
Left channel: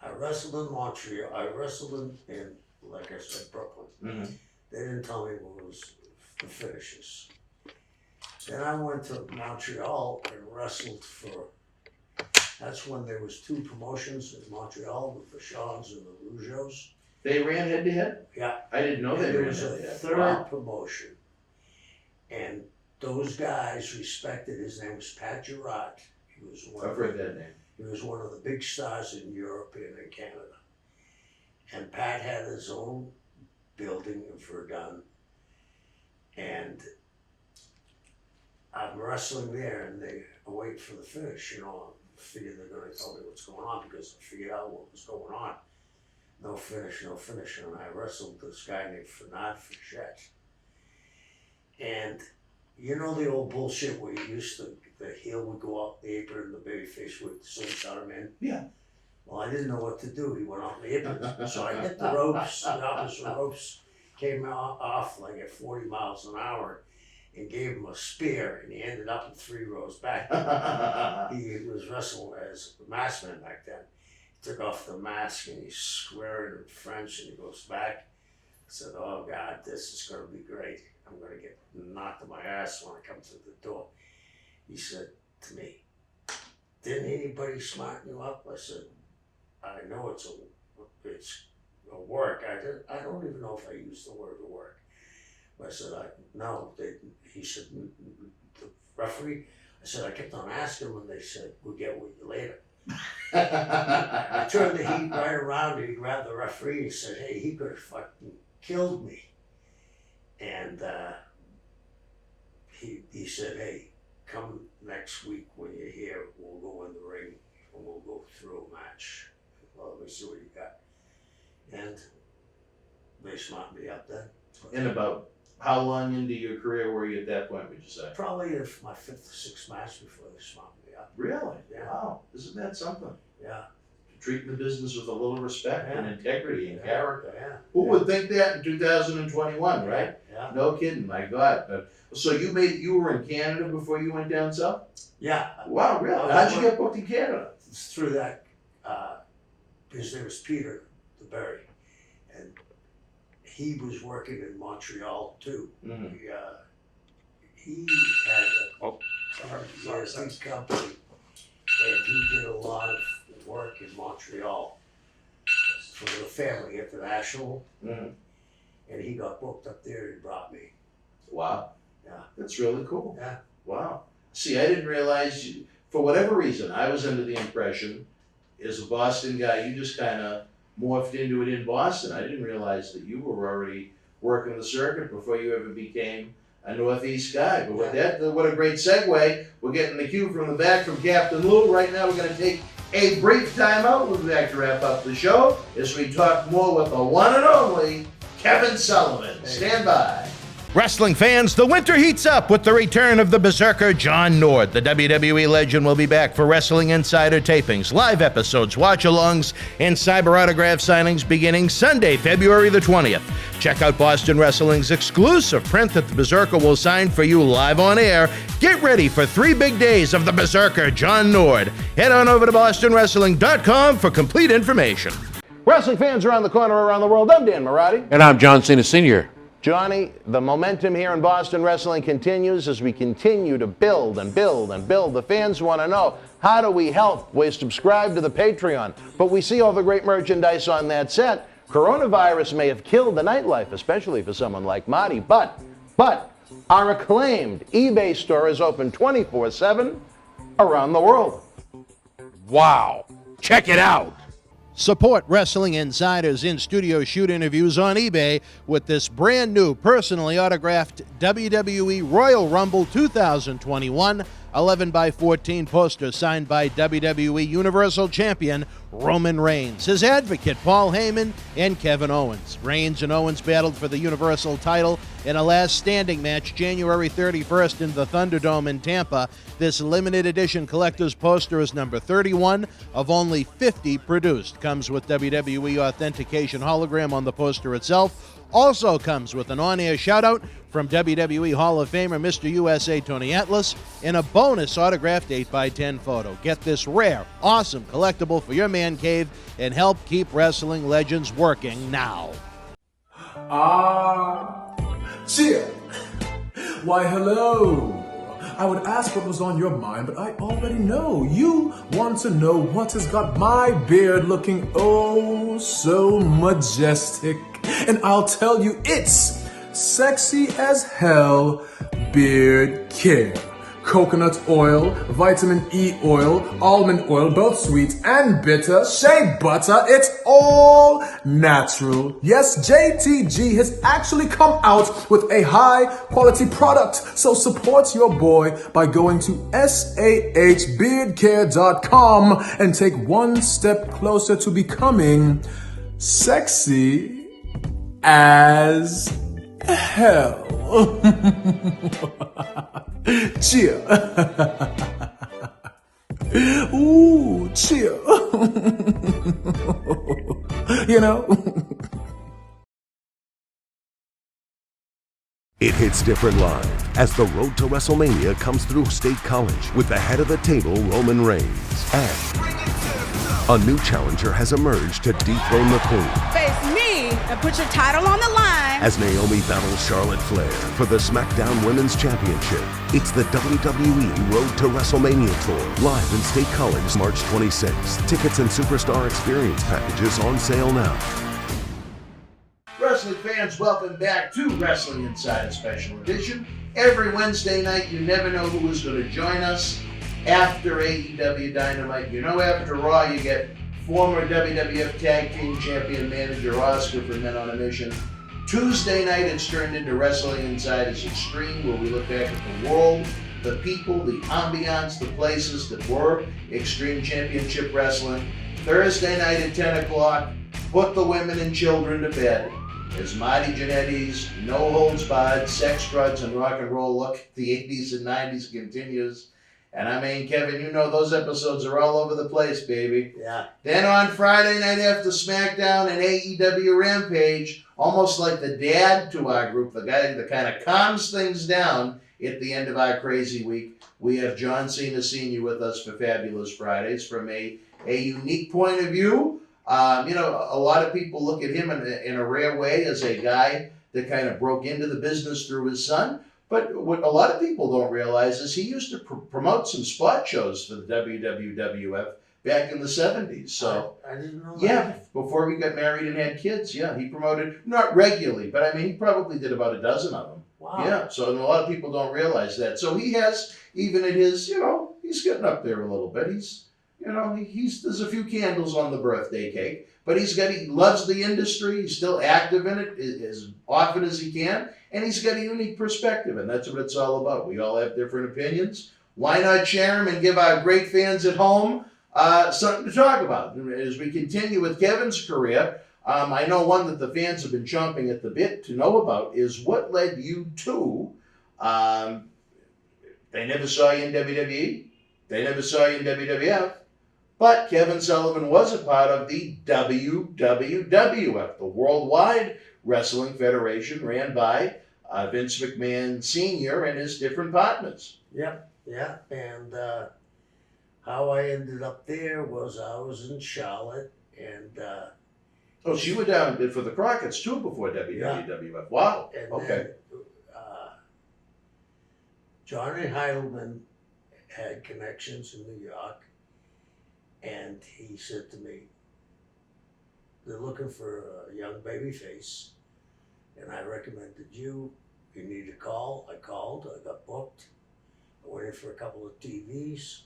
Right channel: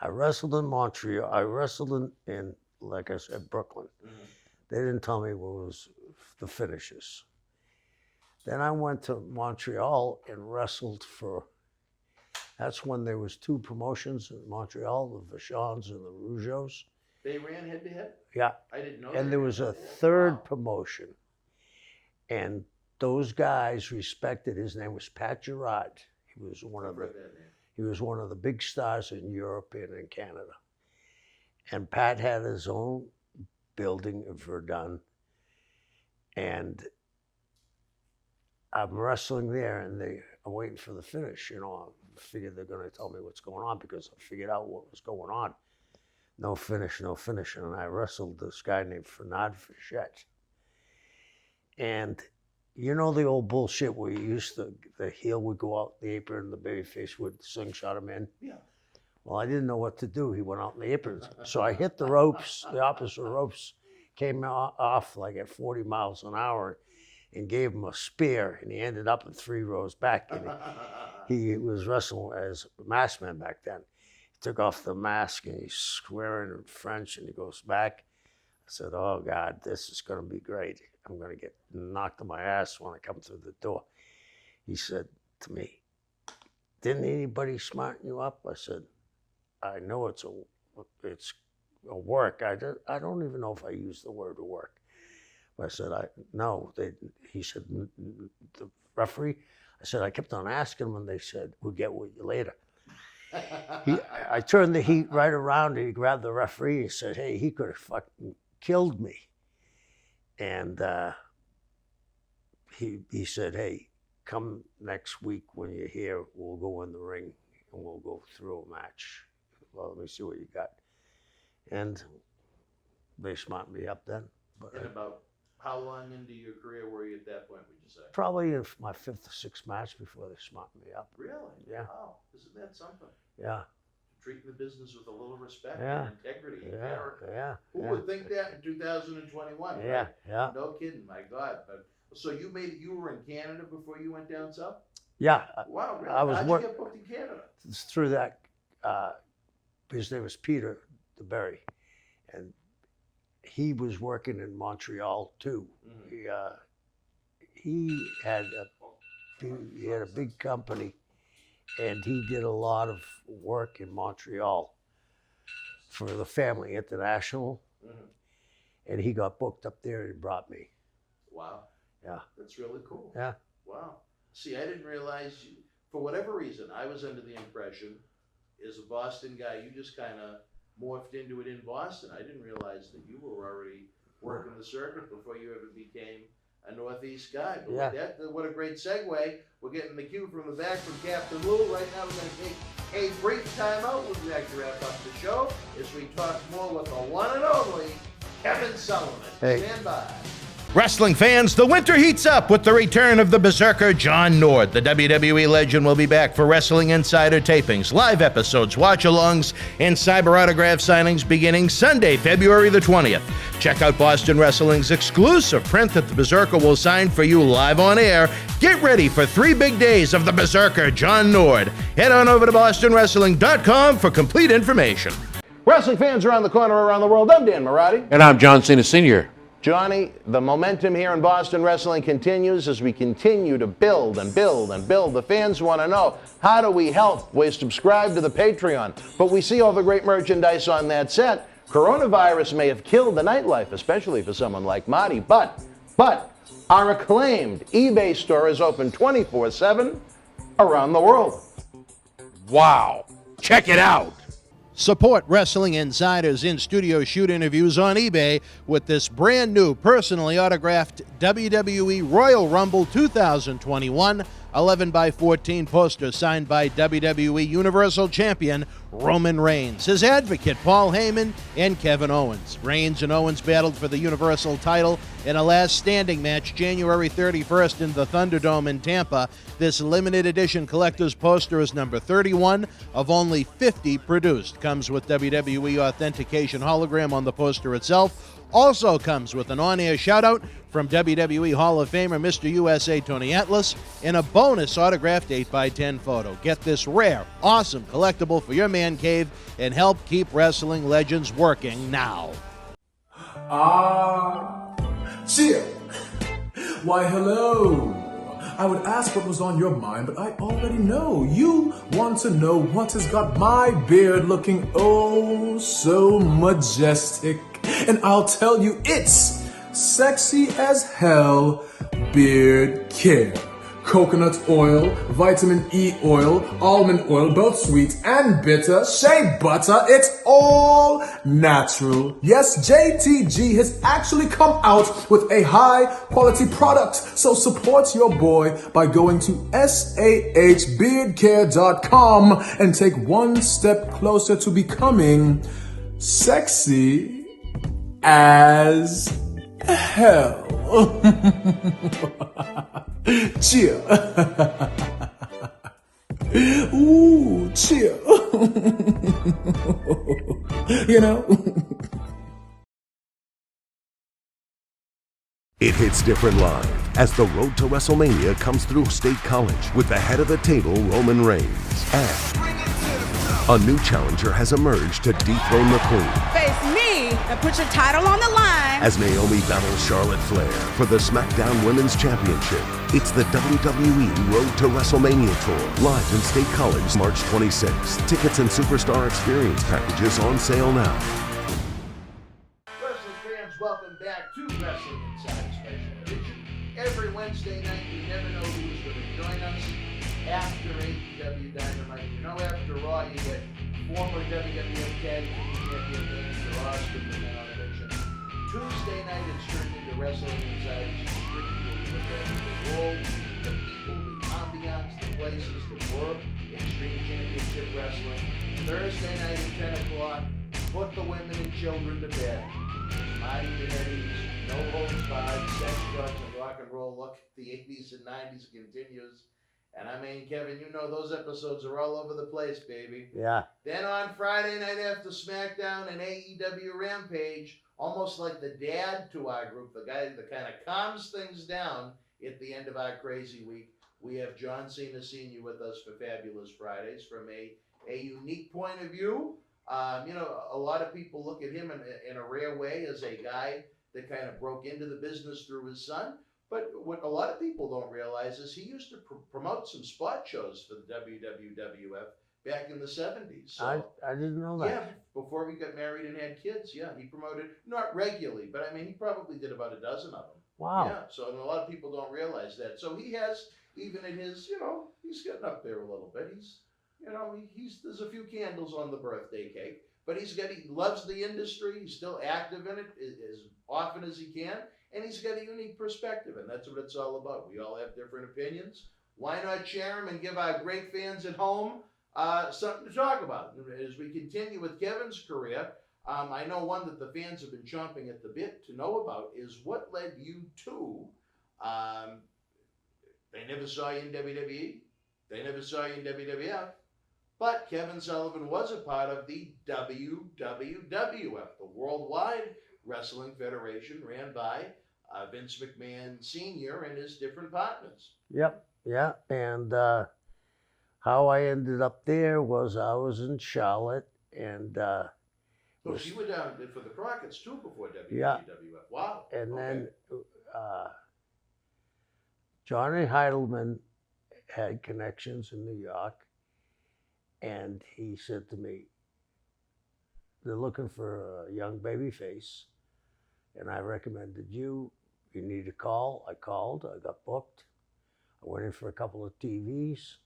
I wrestled in Montreal. I wrestled in like I said, Brooklyn. Mhm. They didn't tell me what was the finishes. Then I went to Montreal and wrestled for That's when there was 2 promotions in Montreal, the Vachons and the Rougeaus. They ran head to head? Yeah. I didn't know And they there ran was a head-to-head. 3rd Wow. promotion. And those guys respected, his name was Pat Girard. He was one I've of heard that name. He was one of the big stars in Europe and in Canada. And Pat had his own building in Verdun. And I'm wrestling there and they are waiting for the finish, you know. I figured they're gonna tell me what's going on because I figured out what was going on. No finish, no finish. And I wrestled this guy named Fernand Fichette. And you know the old bullshit where you used to, the heel would go out the apron and the babyface would slingshot him in? Yeah. Well, I didn't know what to do. He went out in the apron. So I hit the ropes, the opposite ropes, came off like at 40 miles an hour and gave him a spear, and he ended up in 3 rows back. He was wrestling as a masked man back then. He took off the mask and he's swearing in French and he goes back. I said, oh God, this is gonna be great. I'm gonna get knocked on my ass when I come through the door. He said to me, didn't anybody smarten you up? I said, I know it's a work. I don't even know if I used the word work. I said, no. He said, the referee? I said, I kept on asking when they said, we'll get with you later. I turned the heat right around and he grabbed the referee and said, hey, he could have fucking killed me. And he said, hey, come next week when you're here, we'll go in the ring and we'll go through a match. Well, let me see what you got. And they smartened me up then. And about how long into your career were you at that point, would you say? Probably in my 5th or 6th match before they smartened me up. Really? Yeah. Wow. Isn't that something? Yeah. Treating the business with a little respect Yeah. and integrity and Yeah. character. Yeah. Who yeah. would think that in 2021, Yeah. right? Yeah. No kidding, my God. So you were in Canada before you went down south? Yeah. Wow, really? I was How'd you one- get booked in Canada? It's through that, his name was Peter DeBerry, and he was working in Montreal too. Mhm. He had a big company, and he did a lot of work in Montreal for the Family International, Mhm. and he got booked up there and brought me. Wow. Yeah. That's really cool. Yeah. Wow. See, I didn't realize you, for whatever reason, I was under the impression, as a Boston guy, you just kind of morphed into it in Boston. I didn't realize that you were already working the circuit before you ever became a Northeast guy. But with that, what a great segue. We're getting the cue from the back from Captain Lou. Right now, we're going to take a brief time out. We'll be back to wrap up the show as we talk more with the one and only Kevin Sullivan. Hey. Stand by. Wrestling fans, the winter heats up with the return of the Berzerker John Nord. The WWE legend will be back for Wrestling Insider tapings, live episodes, watch-alongs, and cyber autograph signings beginning Sunday, February the 20th. Check out Boston Wrestling's exclusive print that the Berzerker will sign for you live on air. Get ready for 3 big days of the Berzerker John Nord. Head on over to bostonwrestling.com for complete information. Wrestling fans around the corner, around the world, I'm Dan Marotti. And I'm John Cena Sr. Johnny, the momentum here in Boston Wrestling continues as we continue to build and build and build. The fans want to know, how do we help? We subscribe to the Patreon, but we see all the great merchandise on that set. Coronavirus may have killed the nightlife, especially for someone like Marty, but our acclaimed eBay store is open 24/7 around the world. Wow. Check it out. Support Wrestling Insider's in-studio shoot interviews on eBay with this brand new personally autographed WWE Royal Rumble 2021 11x14 poster signed by WWE Universal Champion Roman Reigns, his advocate Paul Heyman, and Kevin Owens. Reigns and Owens battled for the Universal title in a last standing match January 31st in the Thunderdome in Tampa. This limited edition collector's poster is number 31 of only 50 produced. Comes with WWE authentication hologram on the poster itself. Also comes with an on-air shout-out from WWE Hall of Famer Mr. USA Tony Atlas and a bonus autographed 8x10 photo. Get this rare, awesome collectible for your man cave and help keep wrestling legends working now. Cheer. Why, hello. I would ask what was on your mind, but I already know. You want to know what has got my beard looking oh so majestic. And I'll tell you, it's sexy as hell beard care. Coconut oil, vitamin E oil, almond oil, both sweet and bitter, shea butter, it's all natural. Yes, JTG has actually come out with a high quality product. So support your boy by going to sahbeardcare.com and take one step closer to becoming sexy as hell. Cheer. Ooh, cheer. You know? It hits different live as the road to WrestleMania comes through State College with the head of the table, Roman Reigns. And a new challenger has emerged to dethrone the Queen. Face me and put your title on the line. As Naomi battles Charlotte Flair for the SmackDown Women's Championship. It's the WWE Road to WrestleMania Tour, live in State College, March 26th. Tickets and Superstar Experience packages on sale now. Wrestling fans, welcome back to Wrestling Insider Special Edition. Every Wednesday night, you never know who is going to join us after AEW Dynamite. You know, after Raw, you get former WWF Tag Team Champion Manager Oscar for Men on a Mission. Tuesday night, it's turned into Wrestling Insiders Extreme, where we look back at the world, the people, the ambiance, the places that were Extreme Championship Wrestling. Thursday night at 10 o'clock, put the women and children to bed. As Marty Jannetty's no holds barred sex, drugs, and rock and roll look at the 80s and 90s continues. And I mean, Kevin, you know those episodes are all over the place, baby. Yeah. Then on Friday night after SmackDown and AEW Rampage, almost like the dad to our group, the guy that kind of calms things down at the end of our crazy week, we have John Cena Sr. with us for Fabulous Fridays from a unique point of view. You know, a lot of people look at him in a rare way as a guy that kind of broke into the business through his son. But what a lot of people don't realize is he used to promote some spot shows for the WWWF back in the 70s. So I didn't know that. Yeah, before he got married and had kids, yeah, he promoted, not regularly, but I mean, he probably did about a dozen of them. Wow. Yeah, so a lot of people don't realize that. So he has, even at his, you know, he's getting up there a little bit. He's, you know, there's a few candles on the birthday cake, but he loves the industry. He's still active in it as often as he can. And he's got a unique perspective, and that's what it's all about. We all have different opinions. Why not share them and give our great fans at home something to talk about? As we continue with Kevin's career, I know one that the fans have been chomping at the bit to know about is what led you to, they never saw you in WWE, they never saw you in WWF, but Kevin Sullivan was a part of the WWWF, the Worldwide Wrestling Federation, ran by Vince McMahon Sr. and his different partners. Yep, yeah. And how I ended up there was I was in Charlotte and... so you were down for the Crockett's too before WWF. Yeah. Wow. And okay. Then, Johnny Heidelman had connections in New York, and he said to me, they're looking for a young baby face, and I recommended you. You need to call. I called. I got booked. I went in for a couple of TVs,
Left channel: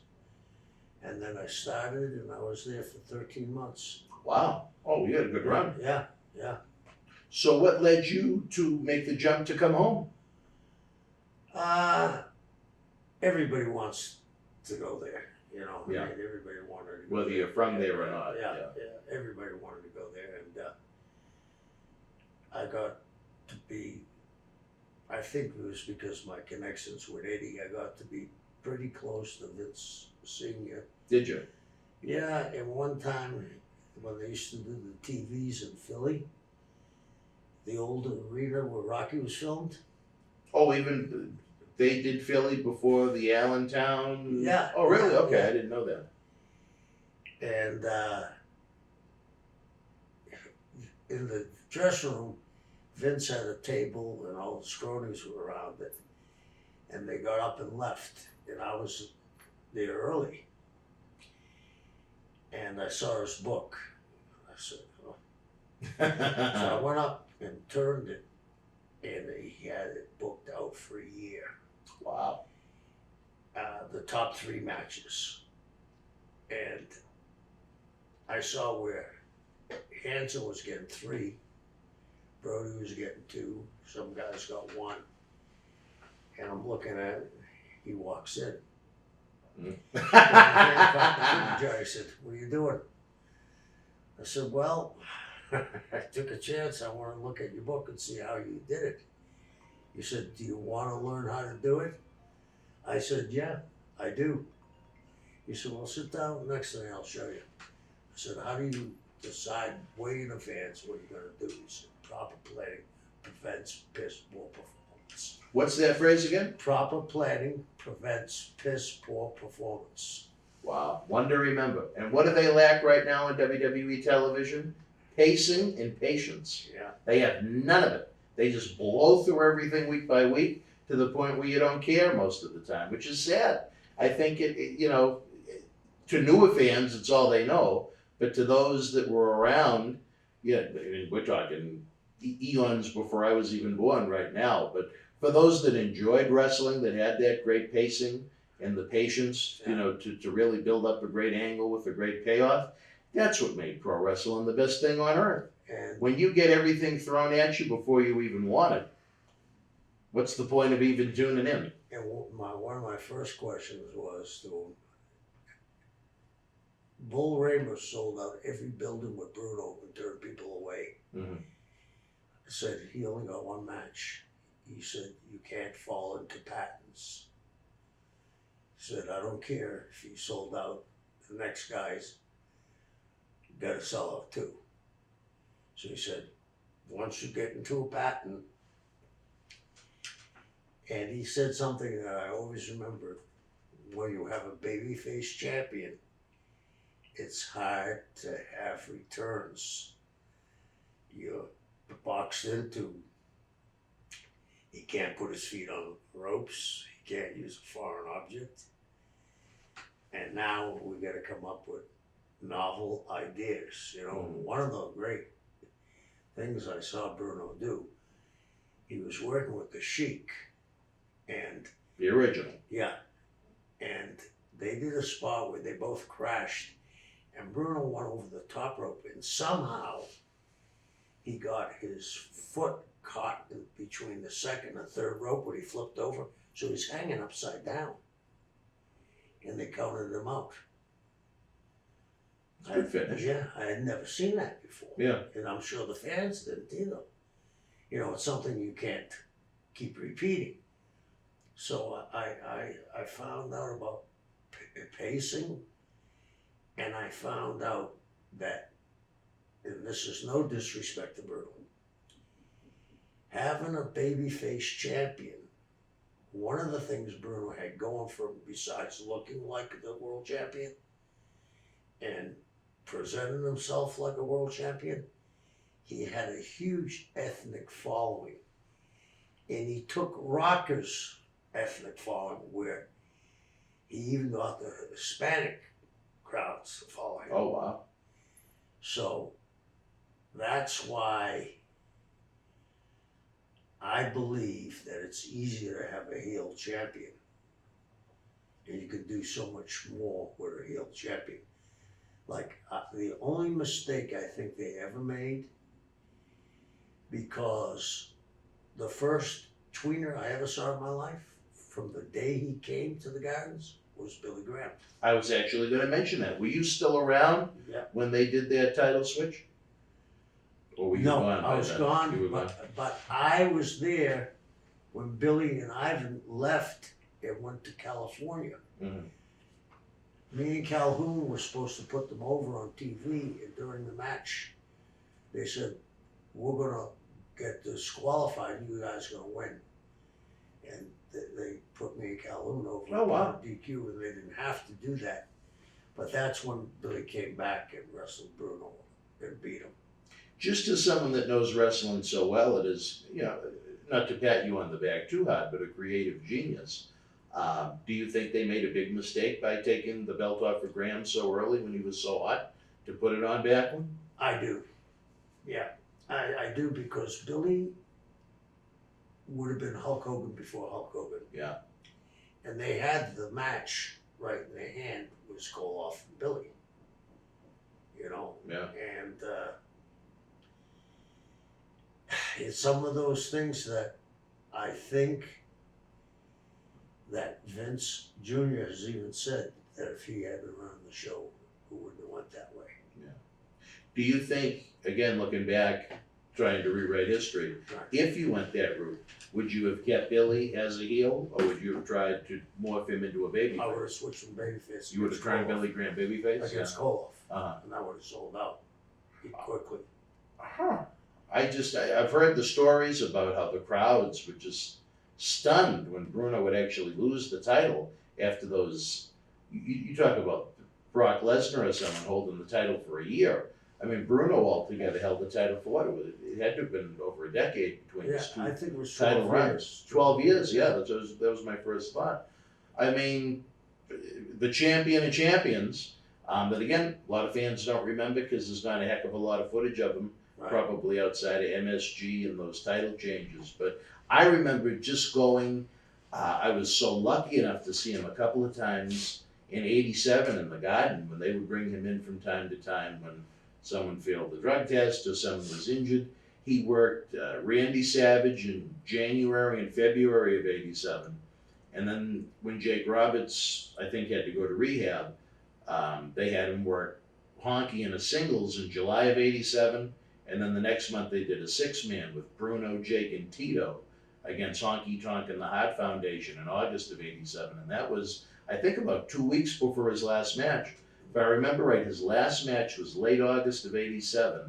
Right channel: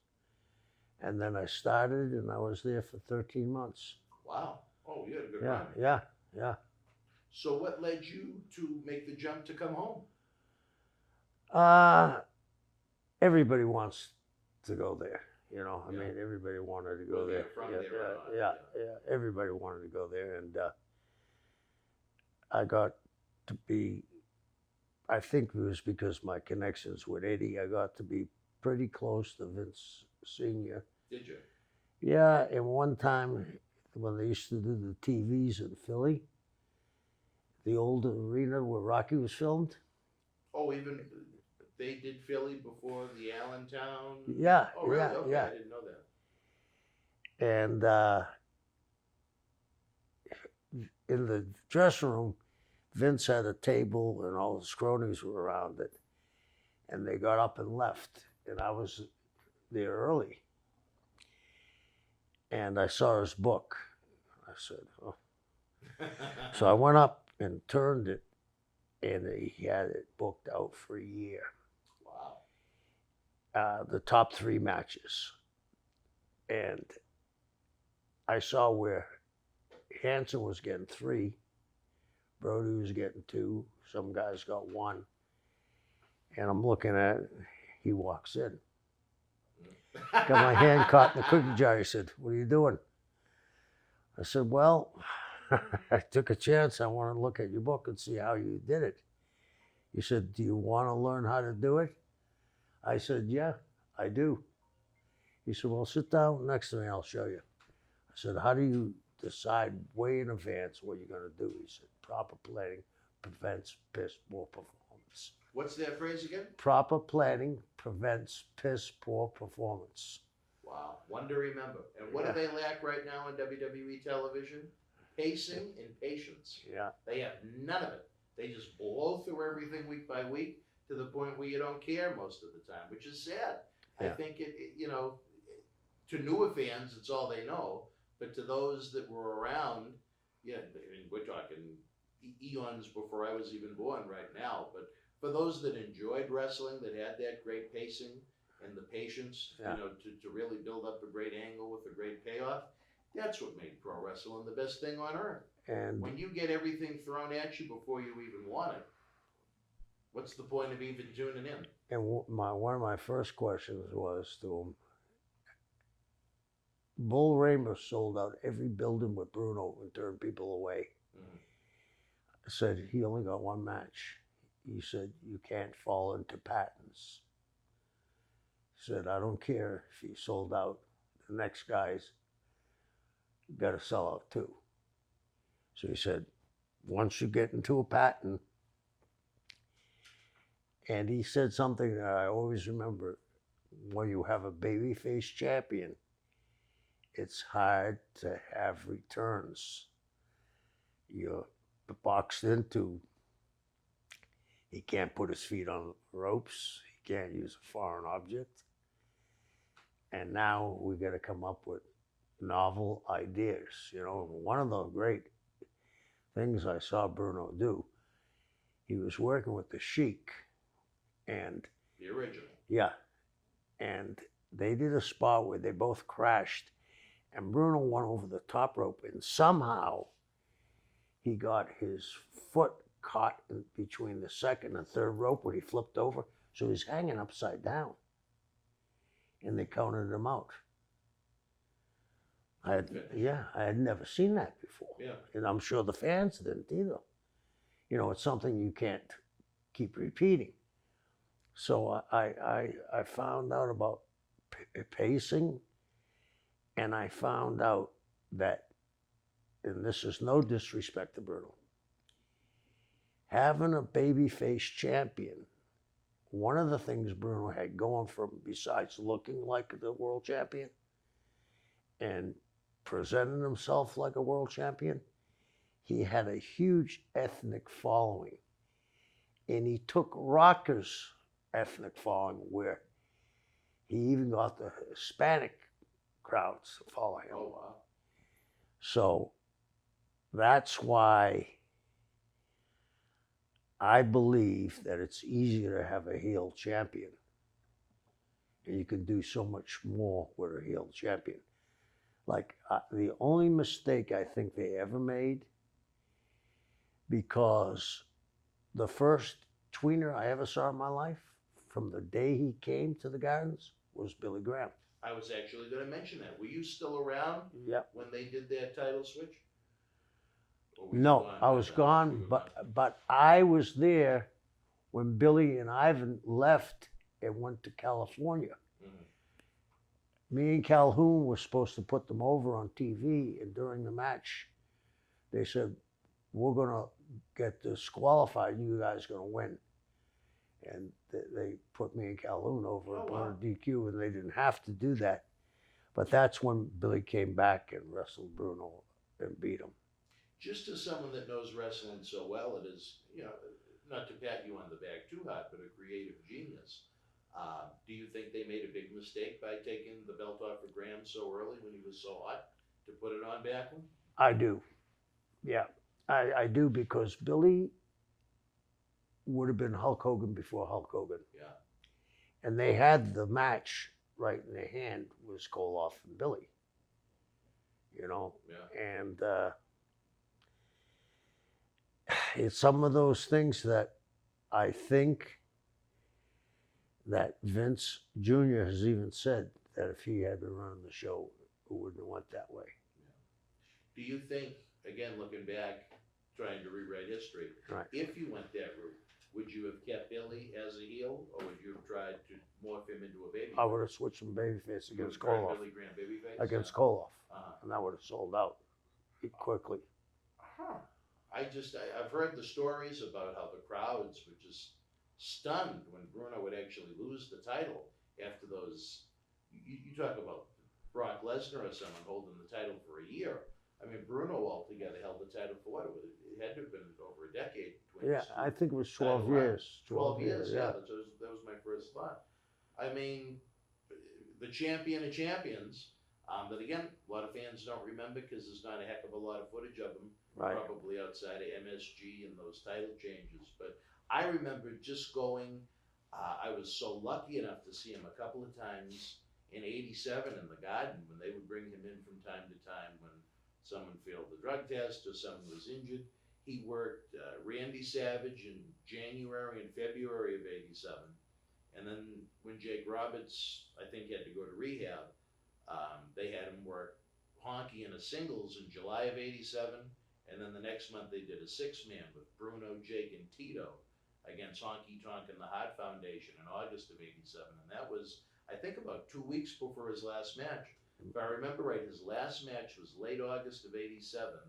and then I started, and I was there for 13 months. Wow. Oh, you had a good run. Yeah, yeah. So what led you to make the jump to come home? Everybody wants to go there, you know. Yeah. I mean, everybody wanted to go Whether there. you're from there or not. Yeah. Everybody wanted to go there, and I got to be, I think it was because my connections with Eddie, I got to be pretty close to Vince Sr. Did you? Yeah, and one time when they used to do the TVs in Philly, the old arena where Rocky was filmed. Oh, even they did Philly before the Allentown? Yeah. Oh, really? Yeah, Okay, yeah. I didn't know that. And in the dressing room, Vince had a table and all the scronies were around it. And they got up and left, and I was there early. And I saw his book. I said, oh. So I went up and turned it, and he had it booked out for a year. Wow. The top 3 matches. And I saw where Hansen was getting 3, Brody was getting 2, some guys got 1. And I'm looking at it, he walks in. And I hand caught in the cookie jar. He said, what are you doing? I said, well, I took a chance. I want to look at your book and see how you did it. He said, do you want to learn how to do it? I said, yeah, I do. He said, well, sit down next to me, I'll show you. I said, how do you decide way in advance what you're going to do? He said, proper planning prevents piss poor performance. What's that phrase again? Proper planning prevents piss poor performance. Wow, one to remember. And what do they lack right now on WWE television? Pacing and patience. Yeah. They have none of it. They just blow through everything week by week to the point where you don't care most of the time, which is sad. I think to newer fans, it's all they know. But to those that were around, yeah, I mean, we're talking eons before I was even born right now. But for those that enjoyed wrestling, that had that great pacing and the patience, to really build up a great angle with a great payoff, that's what made pro wrestling the best thing on earth. And when you get everything thrown at you before you even want it, what's the point of even tuning in? And one of my first questions was to him, Bull Raymer sold out every building with Bruno and turned people away. Mm-hmm. I said, he only got 1 match. He said, you can't fall into patterns. He said, I don't care if he sold out. The next guy's got to sell out too. So he said, once you get into a pattern, and he said something that I always remember, when you have a babyface champion, it's hard to have returns. You're boxed into, he can't put his feet on ropes, he can't use a foreign object. And now we got to come up with novel ideas. One of the great things I saw Bruno do, he was working with the Sheik, and the original. Yeah. And they did a spot where they both crashed, and Bruno went over the top rope, and somehow he got his foot caught between the second and third rope when he flipped over, so he's hanging upside down. And they counted him out. Good finish. Yeah, I had never seen that before. Yeah. And I'm sure the fans didn't either. It's something you can't keep repeating. So I found out about pacing, and I found out that, and this is no disrespect to Bruno, having a babyface champion, one of the things Bruno had going for him, besides looking like the world champion and presenting himself like a world champion, he had a huge ethnic following. And he took Rocker's ethnic following, where he even got the Hispanic crowds to follow him. Oh, wow. So that's why I believe that it's easier to have a heel champion. And you can do so much more with a heel champion. Like, the only mistake I think they ever made, because the first tweener I ever saw in my life, from the day he came to the Gardens, was Billy Graham. I was actually going to mention that. Were you still around when they did their title switch? Or were you No, gone I by was then? gone, You were gone. but I was there when Billy and Ivan left and went to California. Mhm. Me and Calhoun were supposed to put them over on TV, and during the match, they said, we're going to get disqualified, you guys are going to win. And they put me and Calhoun over on DQ, and they didn't have to do that. But that's when Billy came back and wrestled Bruno and beat him. Just as someone that knows wrestling so well, it is, not to pat you on the back too hard, but a creative genius. Do you think they made a big mistake by taking the belt off of Graham so early when he was so hot to put it on Backlund? I do. Yeah, I do, because Billy would have been Hulk Hogan before Hulk Hogan. Yeah. And they had the match right in their hand. It was Koloff and Billy. You know? Yeah. And it's some of those things that I think that Vince Jr. has even said that if he had been running the show, it wouldn't have went that way. Yeah. Do you think, again, looking back, trying to rewrite history, if you went that route, would you have kept Billy as a heel, or would you have tried to morph him into a babyface? I would have switched from babyface. You would have tried Billy Graham babyface? Against Koloff. And I would have sold out quickly. I've heard the stories about how the crowds were just stunned when Bruno would actually lose the title after those. You talk about Brock Lesnar or someone holding the title for a year. I mean, Bruno altogether held the title for what? It had to have been over a decade between his two I think it was 12 title years. runs. 12 years, yeah. That was my first thought. I mean, the champion of champions, that again, a lot of fans don't remember because there's not a heck of a lot of footage of him, probably outside of MSG and those title changes. But I remember just going, I was so lucky enough to see him a couple of times in '87 in the Garden when they would bring him in from time to time when someone failed the drug test or someone was injured. He worked Randy Savage in January and February of '87. And then when Jake Roberts, I think, had to go to rehab, they had him work Honky in a singles in July of '87. And then the next month they did a 6-man with Bruno, Jake, and Tito against Honky Tonk and the Heart Foundation in August of '87. And that was, I think, about 2 weeks before his last match. If I remember right, his last match was late August of '87.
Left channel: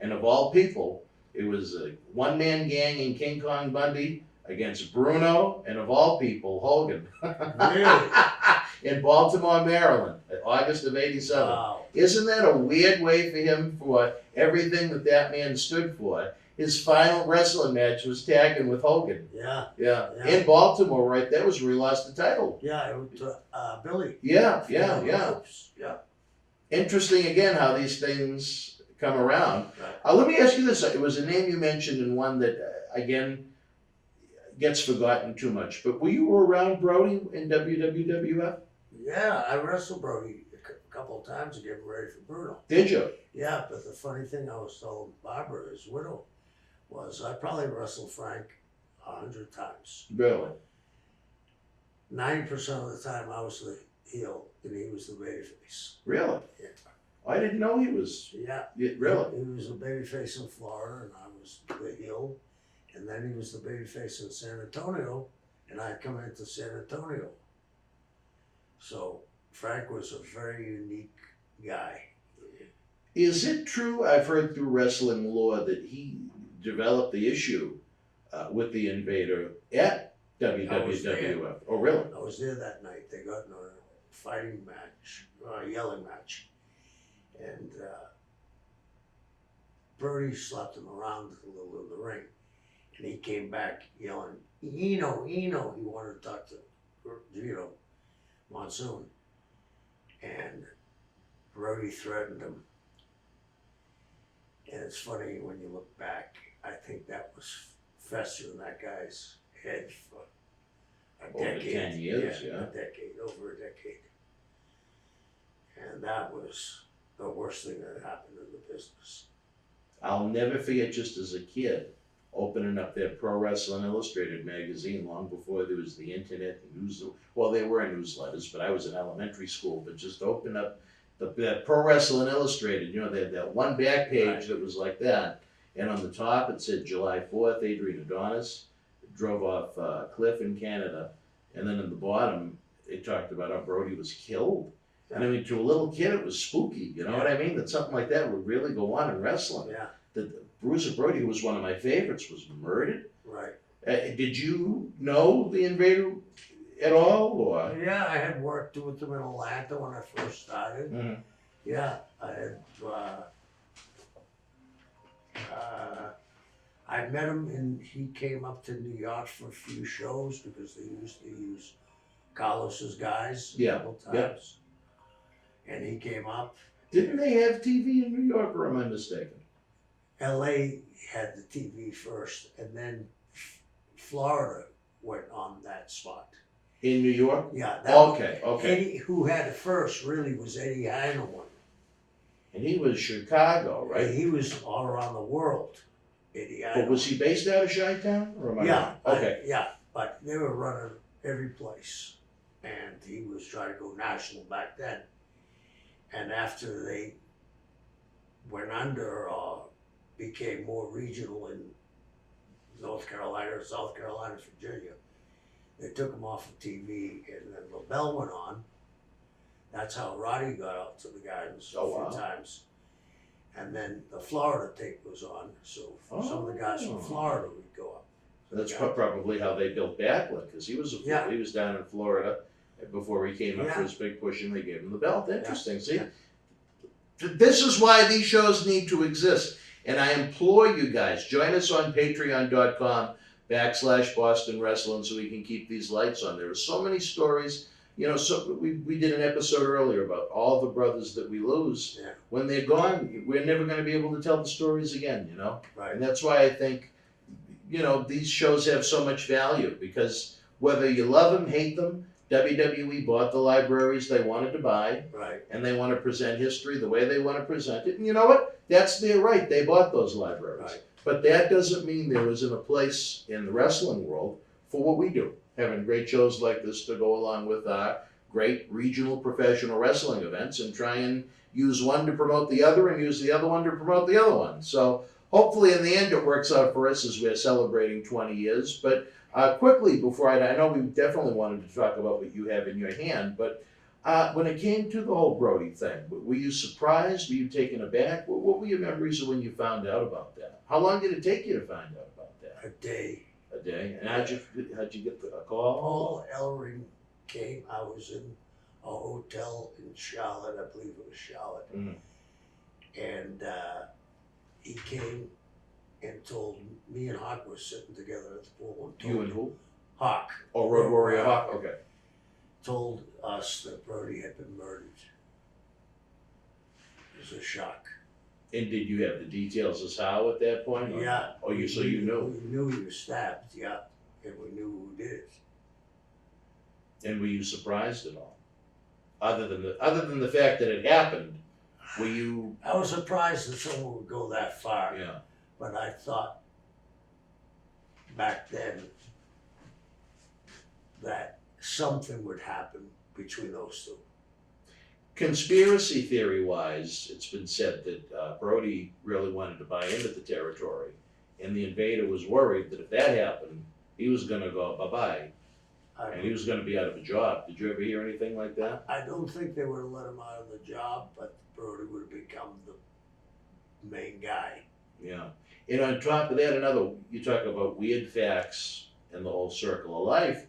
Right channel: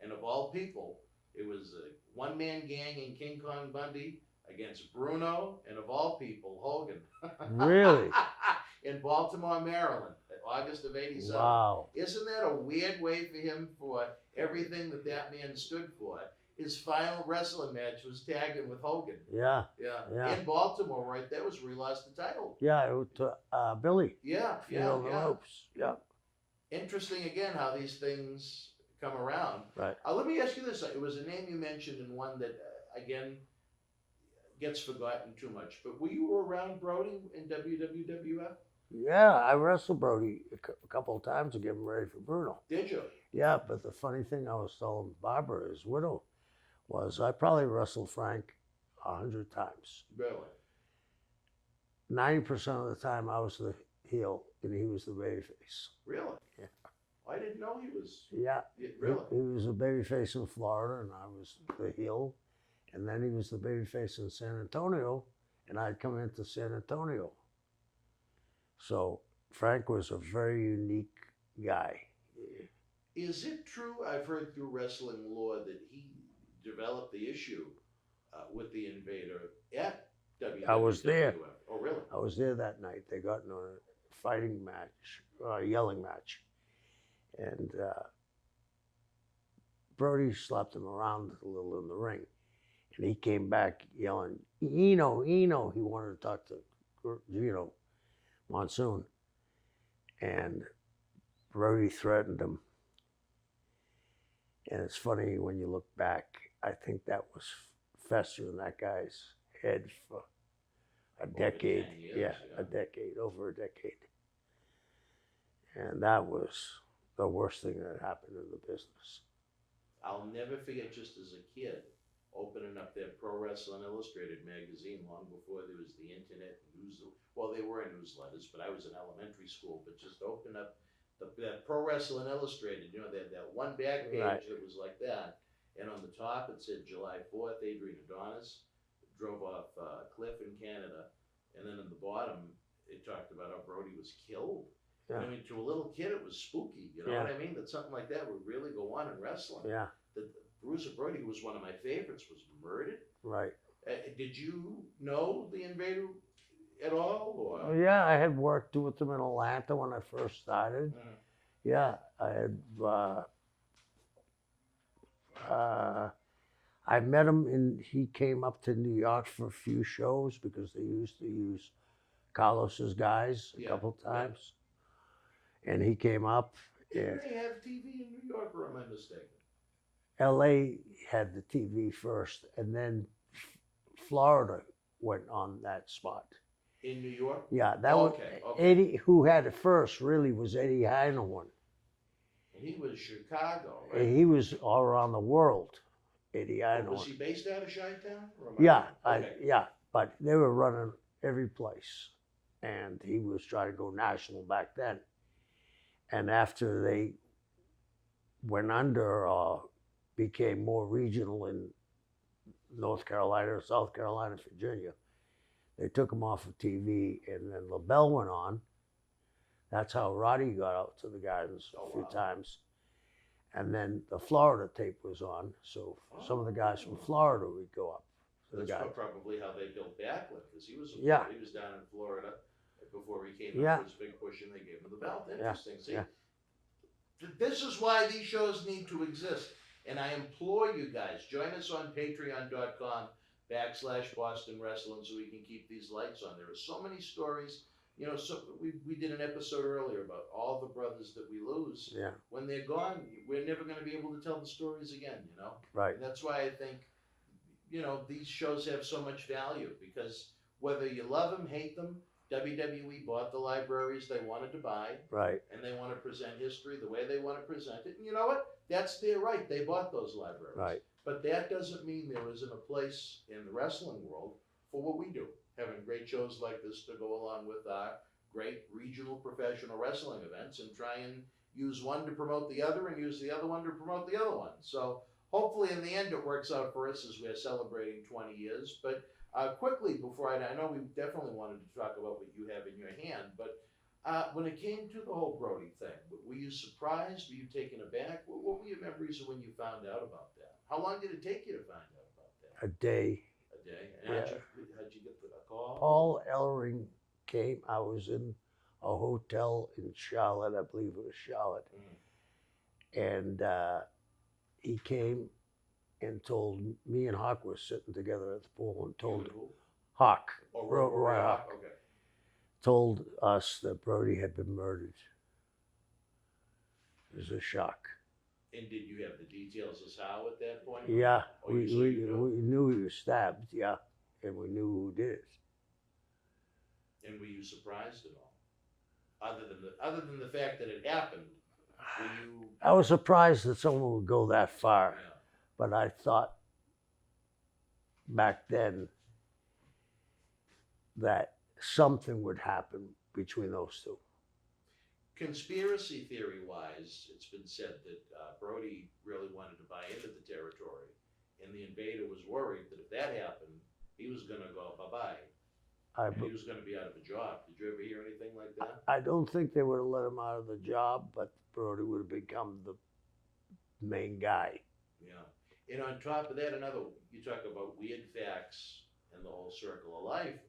And of all people, it was a one-man gang in King Kong Bundy against Bruno, and of all people, Hogan. Really? In Baltimore, Maryland, August of '87. Wow. Isn't that a weird way for him, for everything that man stood for? His final wrestling match was tagging with Hogan. Yeah. Yeah. In Baltimore, right? That was where he lost the title. Yeah, it was Billy. Yeah. Yeah. Interesting again how these things come around. Right. Let me ask you this. It was a name you mentioned and one that, again, gets forgotten too much. But were you around Brody in WWWF? Yeah, I wrestled Brody a couple of times to get him ready for Bruno. Did you? Yeah, but the funny thing I was telling Barbara, his widow, was I probably wrestled Frank 100 times. Really? 90% of the time I was the heel and he was the babyface. Really? Yeah. I didn't know he was. Yeah. Really? He was the babyface in Florida and I was the heel. And then he was the babyface in San Antonio and I'd come into San Antonio. So Frank was a very unique guy. Is it true, I've heard through wrestling lore, that he developed the issue with the Invader at WWWF? I was there. Oh, really? I was there that night. They got in a fighting match, yelling match. And Brody slapped him around a little in the ring. And he came back yelling, Eno. He wanted to talk to Gino Monsoon. And Brody threatened him. And it's funny when you look back, I think that was festered in that guy's head for a decade. Over 10 years, yeah. A decade, over a decade. And that was the worst thing that happened in the business. I'll never forget, just as a kid, opening up that Pro Wrestling Illustrated magazine long before there was the internet and news. Well, there were newsletters, but I was in elementary school. But just open up that Pro Wrestling Illustrated, you know, that one back page that was like that. And on the top it said July 4th, Adrian Adonis drove off a cliff in Canada. And then in the bottom, it talked about how Brody was killed. And I mean, to a little kid, it was spooky. You know what I mean? That something like that would really go on in wrestling. Yeah. That Bruiser Brody, who was one of my favorites, was murdered. Right. Did you know the Invader at all? Or? Yeah, I had worked with them in Atlanta when I first started. Mm-hmm. Yeah, I I met him and he came up to New York for a few shows because they used to use Carlos's guys a couple times. And he came up. Didn't they have TV in New York, or am I mistaken? LA had the TV first, and then Florida went on that spot. In New York? Yeah. Okay. Eddie, who had it first, really was Eddie Heineman. And he was Chicago, right? And he was all around the world. Eddie Heineman. But was he based out of Chi-Town? Yeah. Okay. Yeah, but they were running every place, and he was trying to go national back then. And after they went under or became more regional in North Carolina, South Carolina, Virginia, they took him off of TV, and then LaBelle went on. That's how Roddy got out to the Gardens a few times. And then the Florida tape was on, so some of the guys from Florida would go up. That's probably how they built Backlund, because he was he was down in Florida before he came up for his big push, and they gave him the belt. Interesting. See, this is why these shows need to exist. And I implore you guys, join us on patreon.com/Boston Wrestling so we can keep these lights on. There are so many stories. You know, so we did an episode earlier about all the brothers that we lose. Yeah. When they're gone, we're never going to be able to tell the stories again, you know? Right. And that's why I think, you know, these shows have so much value, because whether you love them, hate them, WWE bought the libraries they wanted to buy. Right. And they want to present history the way they want to present it. And you know what? That's their right. They bought those libraries. Right. But that doesn't mean there isn't a place in the wrestling world for what we do. Having great shows like this to go along with great regional professional wrestling events, and try and use one to promote the other and use the other one to promote the other one. So hopefully in the end it works out for us as we're celebrating 20 years. But quickly, before I know we definitely wanted to talk about what you have in your hand, but when it came to the whole Brody thing, were you surprised? Were you taken aback? What were your memories of when you found out about that? How long did it take you to find out about that? A day. A day. And how'd you get the call? Paul Ellering came. I was in a hotel in Charlotte. I believe it was Charlotte. And he came and told me and Hawk were sitting together at the pool, and told You and who? Hawk. Oh, Road Warrior Hawk. Okay. Told us that Brody had been murdered. It was a shock. And did you have the details as how at that point? Yeah. Oh, you knew? We knew he was stabbed, yeah. And we knew who did it. And were you surprised at all? Other than the fact that it happened, were you? I was surprised that someone would go that far. Yeah. But I thought back then that something would happen between those two. Conspiracy theory-wise, it's been said that Brody really wanted to buy into the territory, and the invader was worried that if that happened, he was going to go bye-bye, and he was going to be out of a job. Did you ever hear anything like that? I don't think they would have let him out of the job, but Brody would have become the main guy. Yeah. And on top of that, you talk about weird facts and the whole circle of life.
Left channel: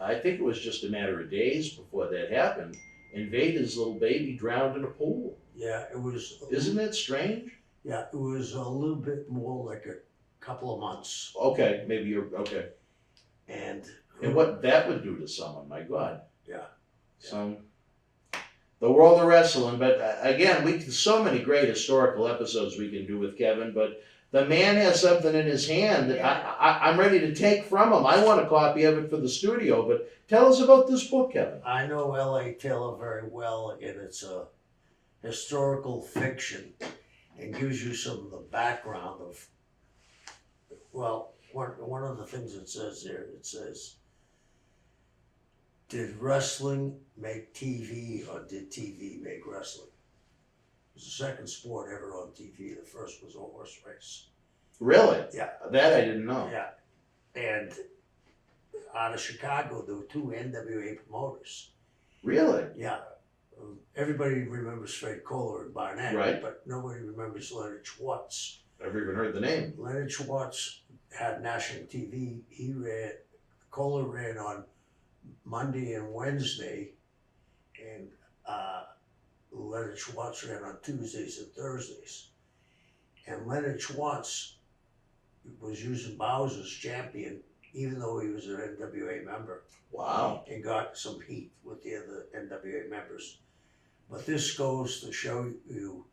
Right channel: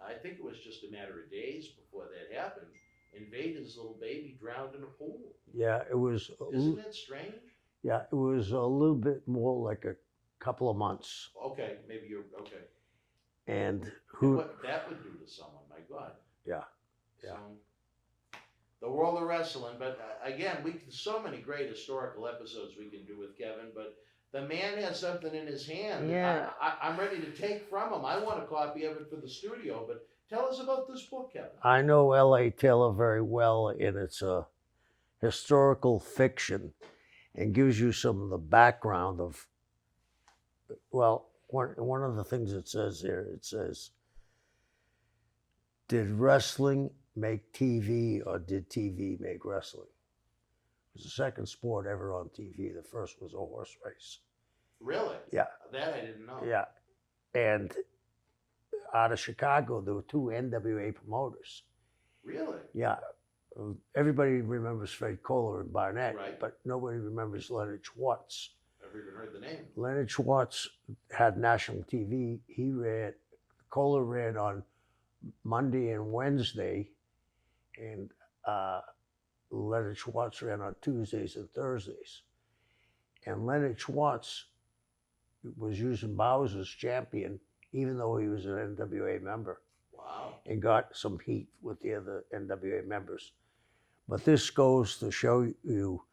I think it was just a matter of days before that happened. Invader's little baby drowned in a pool. Yeah, it was. Isn't that strange? Yeah, it was a little bit more like a couple of months. Okay, maybe you're okay. And what that would do to someone, my God. Yeah. So, the world of wrestling. But again, so many great historical episodes we can do with Kevin, but the man has something in his hand that I'm ready to take from him. I want a copy of it for the studio, but tell us about this book, Kevin. I know L.A. Taylor very well, and it's a historical fiction and gives you some of the background of, well, one of the things it says there, it says, did wrestling make TV or did TV make wrestling? It was the second sport ever on TV. The first was a horse race. Really? Yeah. That I didn't know. Yeah. And out of Chicago, there were two NWA promoters. Really? Yeah. Everybody remembers Fred Kohler and Barnett, right, but nobody remembers Leonard Schwartz. Never even heard the name. Leonard Schwartz had national TV. Kohler ran on Monday and Wednesday, and Leonard Schwartz ran on Tuesdays and Thursdays. And Leonard Schwartz was using Bowers as champion, even though he was an NWA member. Wow. And got some heat with the other NWA members. But this goes to show you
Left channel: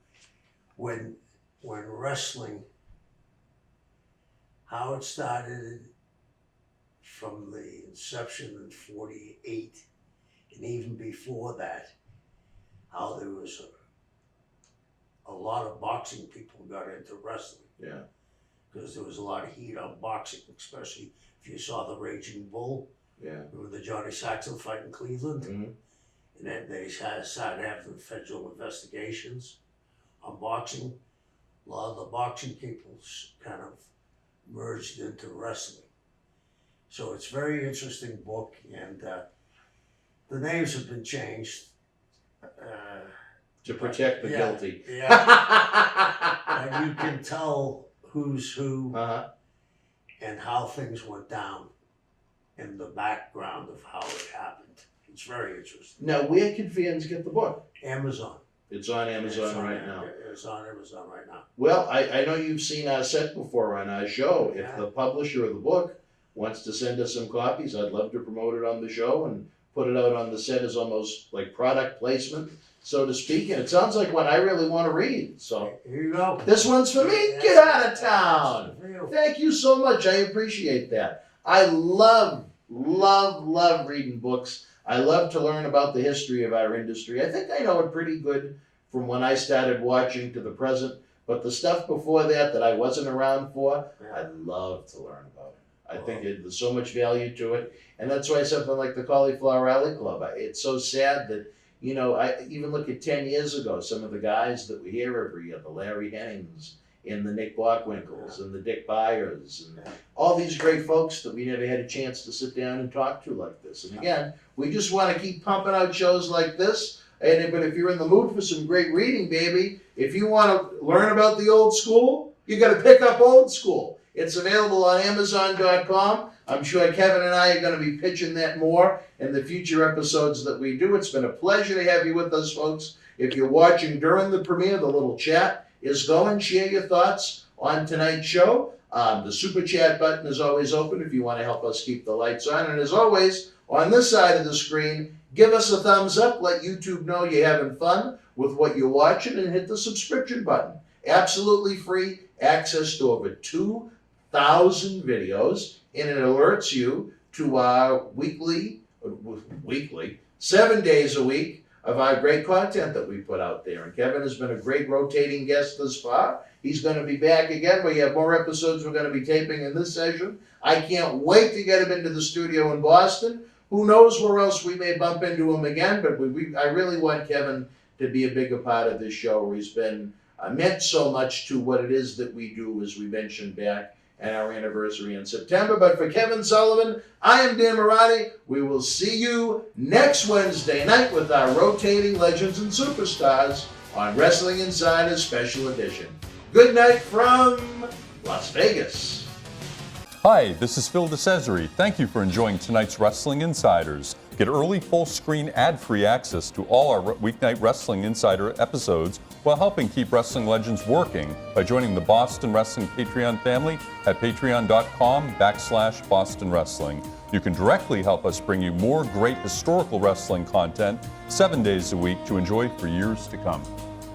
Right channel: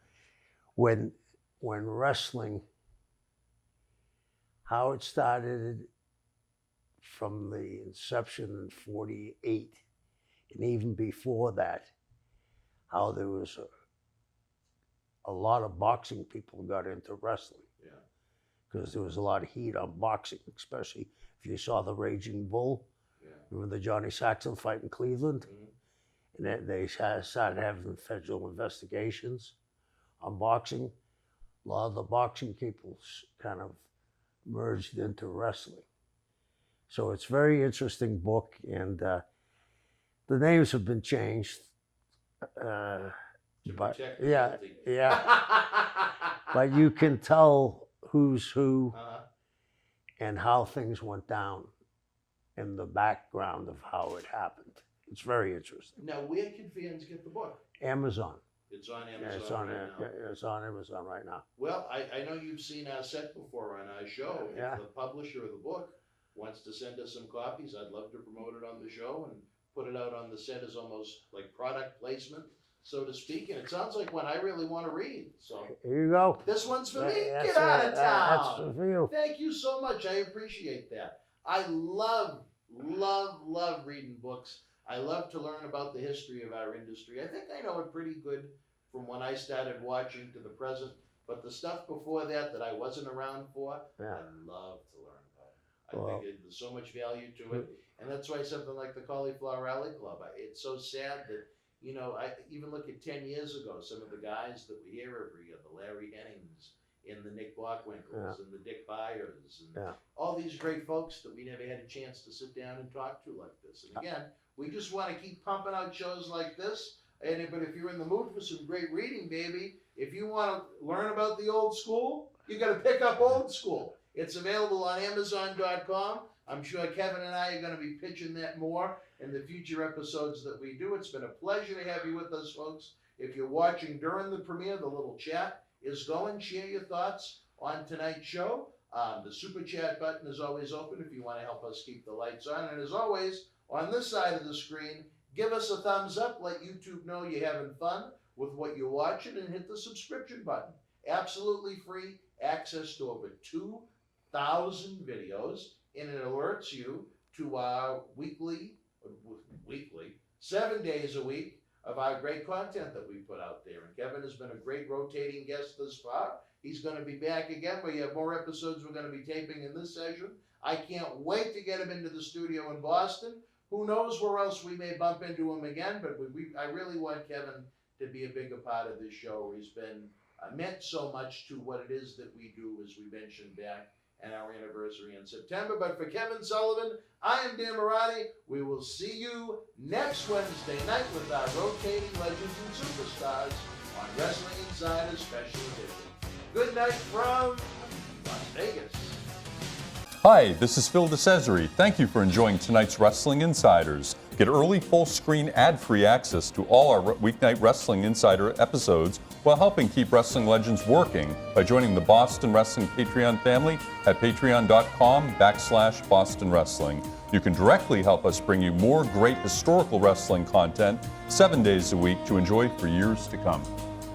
when wrestling, how it started from the inception in 48, and even before that, how there was a lot of boxing people got into wrestling. Yeah. Because there was a lot of heat on boxing, especially if you saw the Raging Bull. Yeah. Remember the Johnny Saxon fight in Cleveland? Mm-hmm. And then they started having federal investigations on boxing. A lot of the boxing people kind of merged into wrestling. So it's a very interesting book, and the names have been changed. To protect the guilty. Yeah. But you can tell who's who and how things went down and the background of how it happened. It's very interesting. Now, where can fans get the book? Amazon. It's on Amazon right now. It's on Amazon right now. Well, I know you've seen our set before on our show. Yeah. If the publisher of the book wants to send us some copies, I'd love to promote it on the show and put it out on the set as almost like product placement, so to speak. And it sounds like one I really want to read. So here you go. This one's for me. That's Get out of town. That's for you. Thank you so much. I appreciate that. I love reading books. I love to learn about the history of our industry. I think I know it pretty good from when I started watching to the present. But the stuff before that I wasn't around for, I'd love to learn about it. I think there's so much value to it. And that's why something like the Cauliflower Alley Club, it's so sad that, you know, I even look at 10 years ago, some of the guys that we hear every year, the Larry Hennings and the Nick Bockwinkel's and the Dick Byers and all these great folks that we never had a chance to sit down and talk to like this. And again, we just want to keep pumping out shows like this. But if you're in the mood for some great reading, baby, if you want to learn about the old school, you got to pick up Old School. It's available on Amazon.com. I'm sure Kevin and I are going to be pitching that more in the future episodes that we do. It's been a pleasure to have you with us, folks. If you're watching during the premiere, the little chat is going. Share your thoughts on tonight's show. The super chat button is always open if you want to help us keep the lights on. And as always, on this side of the screen, give us a thumbs up. Let YouTube know you're having fun with what you're watching, and hit the subscription button. Absolutely free access to over 2,000 videos, and it alerts you to our weekly, 7 days a week of our great content that we put out there. And Kevin has been a great rotating guest thus far. He's going to be back again. We have more episodes we're going to be taping in this session. I can't wait to get him into the studio in Boston. Who knows where else we may bump into him again, but I really want Kevin to be a bigger part of this show. He's been meant so much to what it is that we do, as we mentioned back at our anniversary in September. But for Kevin Sullivan, I am Dan Marotti. We will see you next Wednesday night with our rotating Legends and Superstars on Wrestling Insider Special Edition. Good night from Las Vegas. Hi, this is Phil DeCesare. Thank you for enjoying tonight's Wrestling Insiders. Get early full-screen ad-free access to all our weeknight Wrestling Insider episodes while helping keep Wrestling Legends working by joining the Boston Wrestling Patreon family at patreon.com/Boston Wrestling. You can directly help us bring you more great historical wrestling content 7 days a week to enjoy for years to come.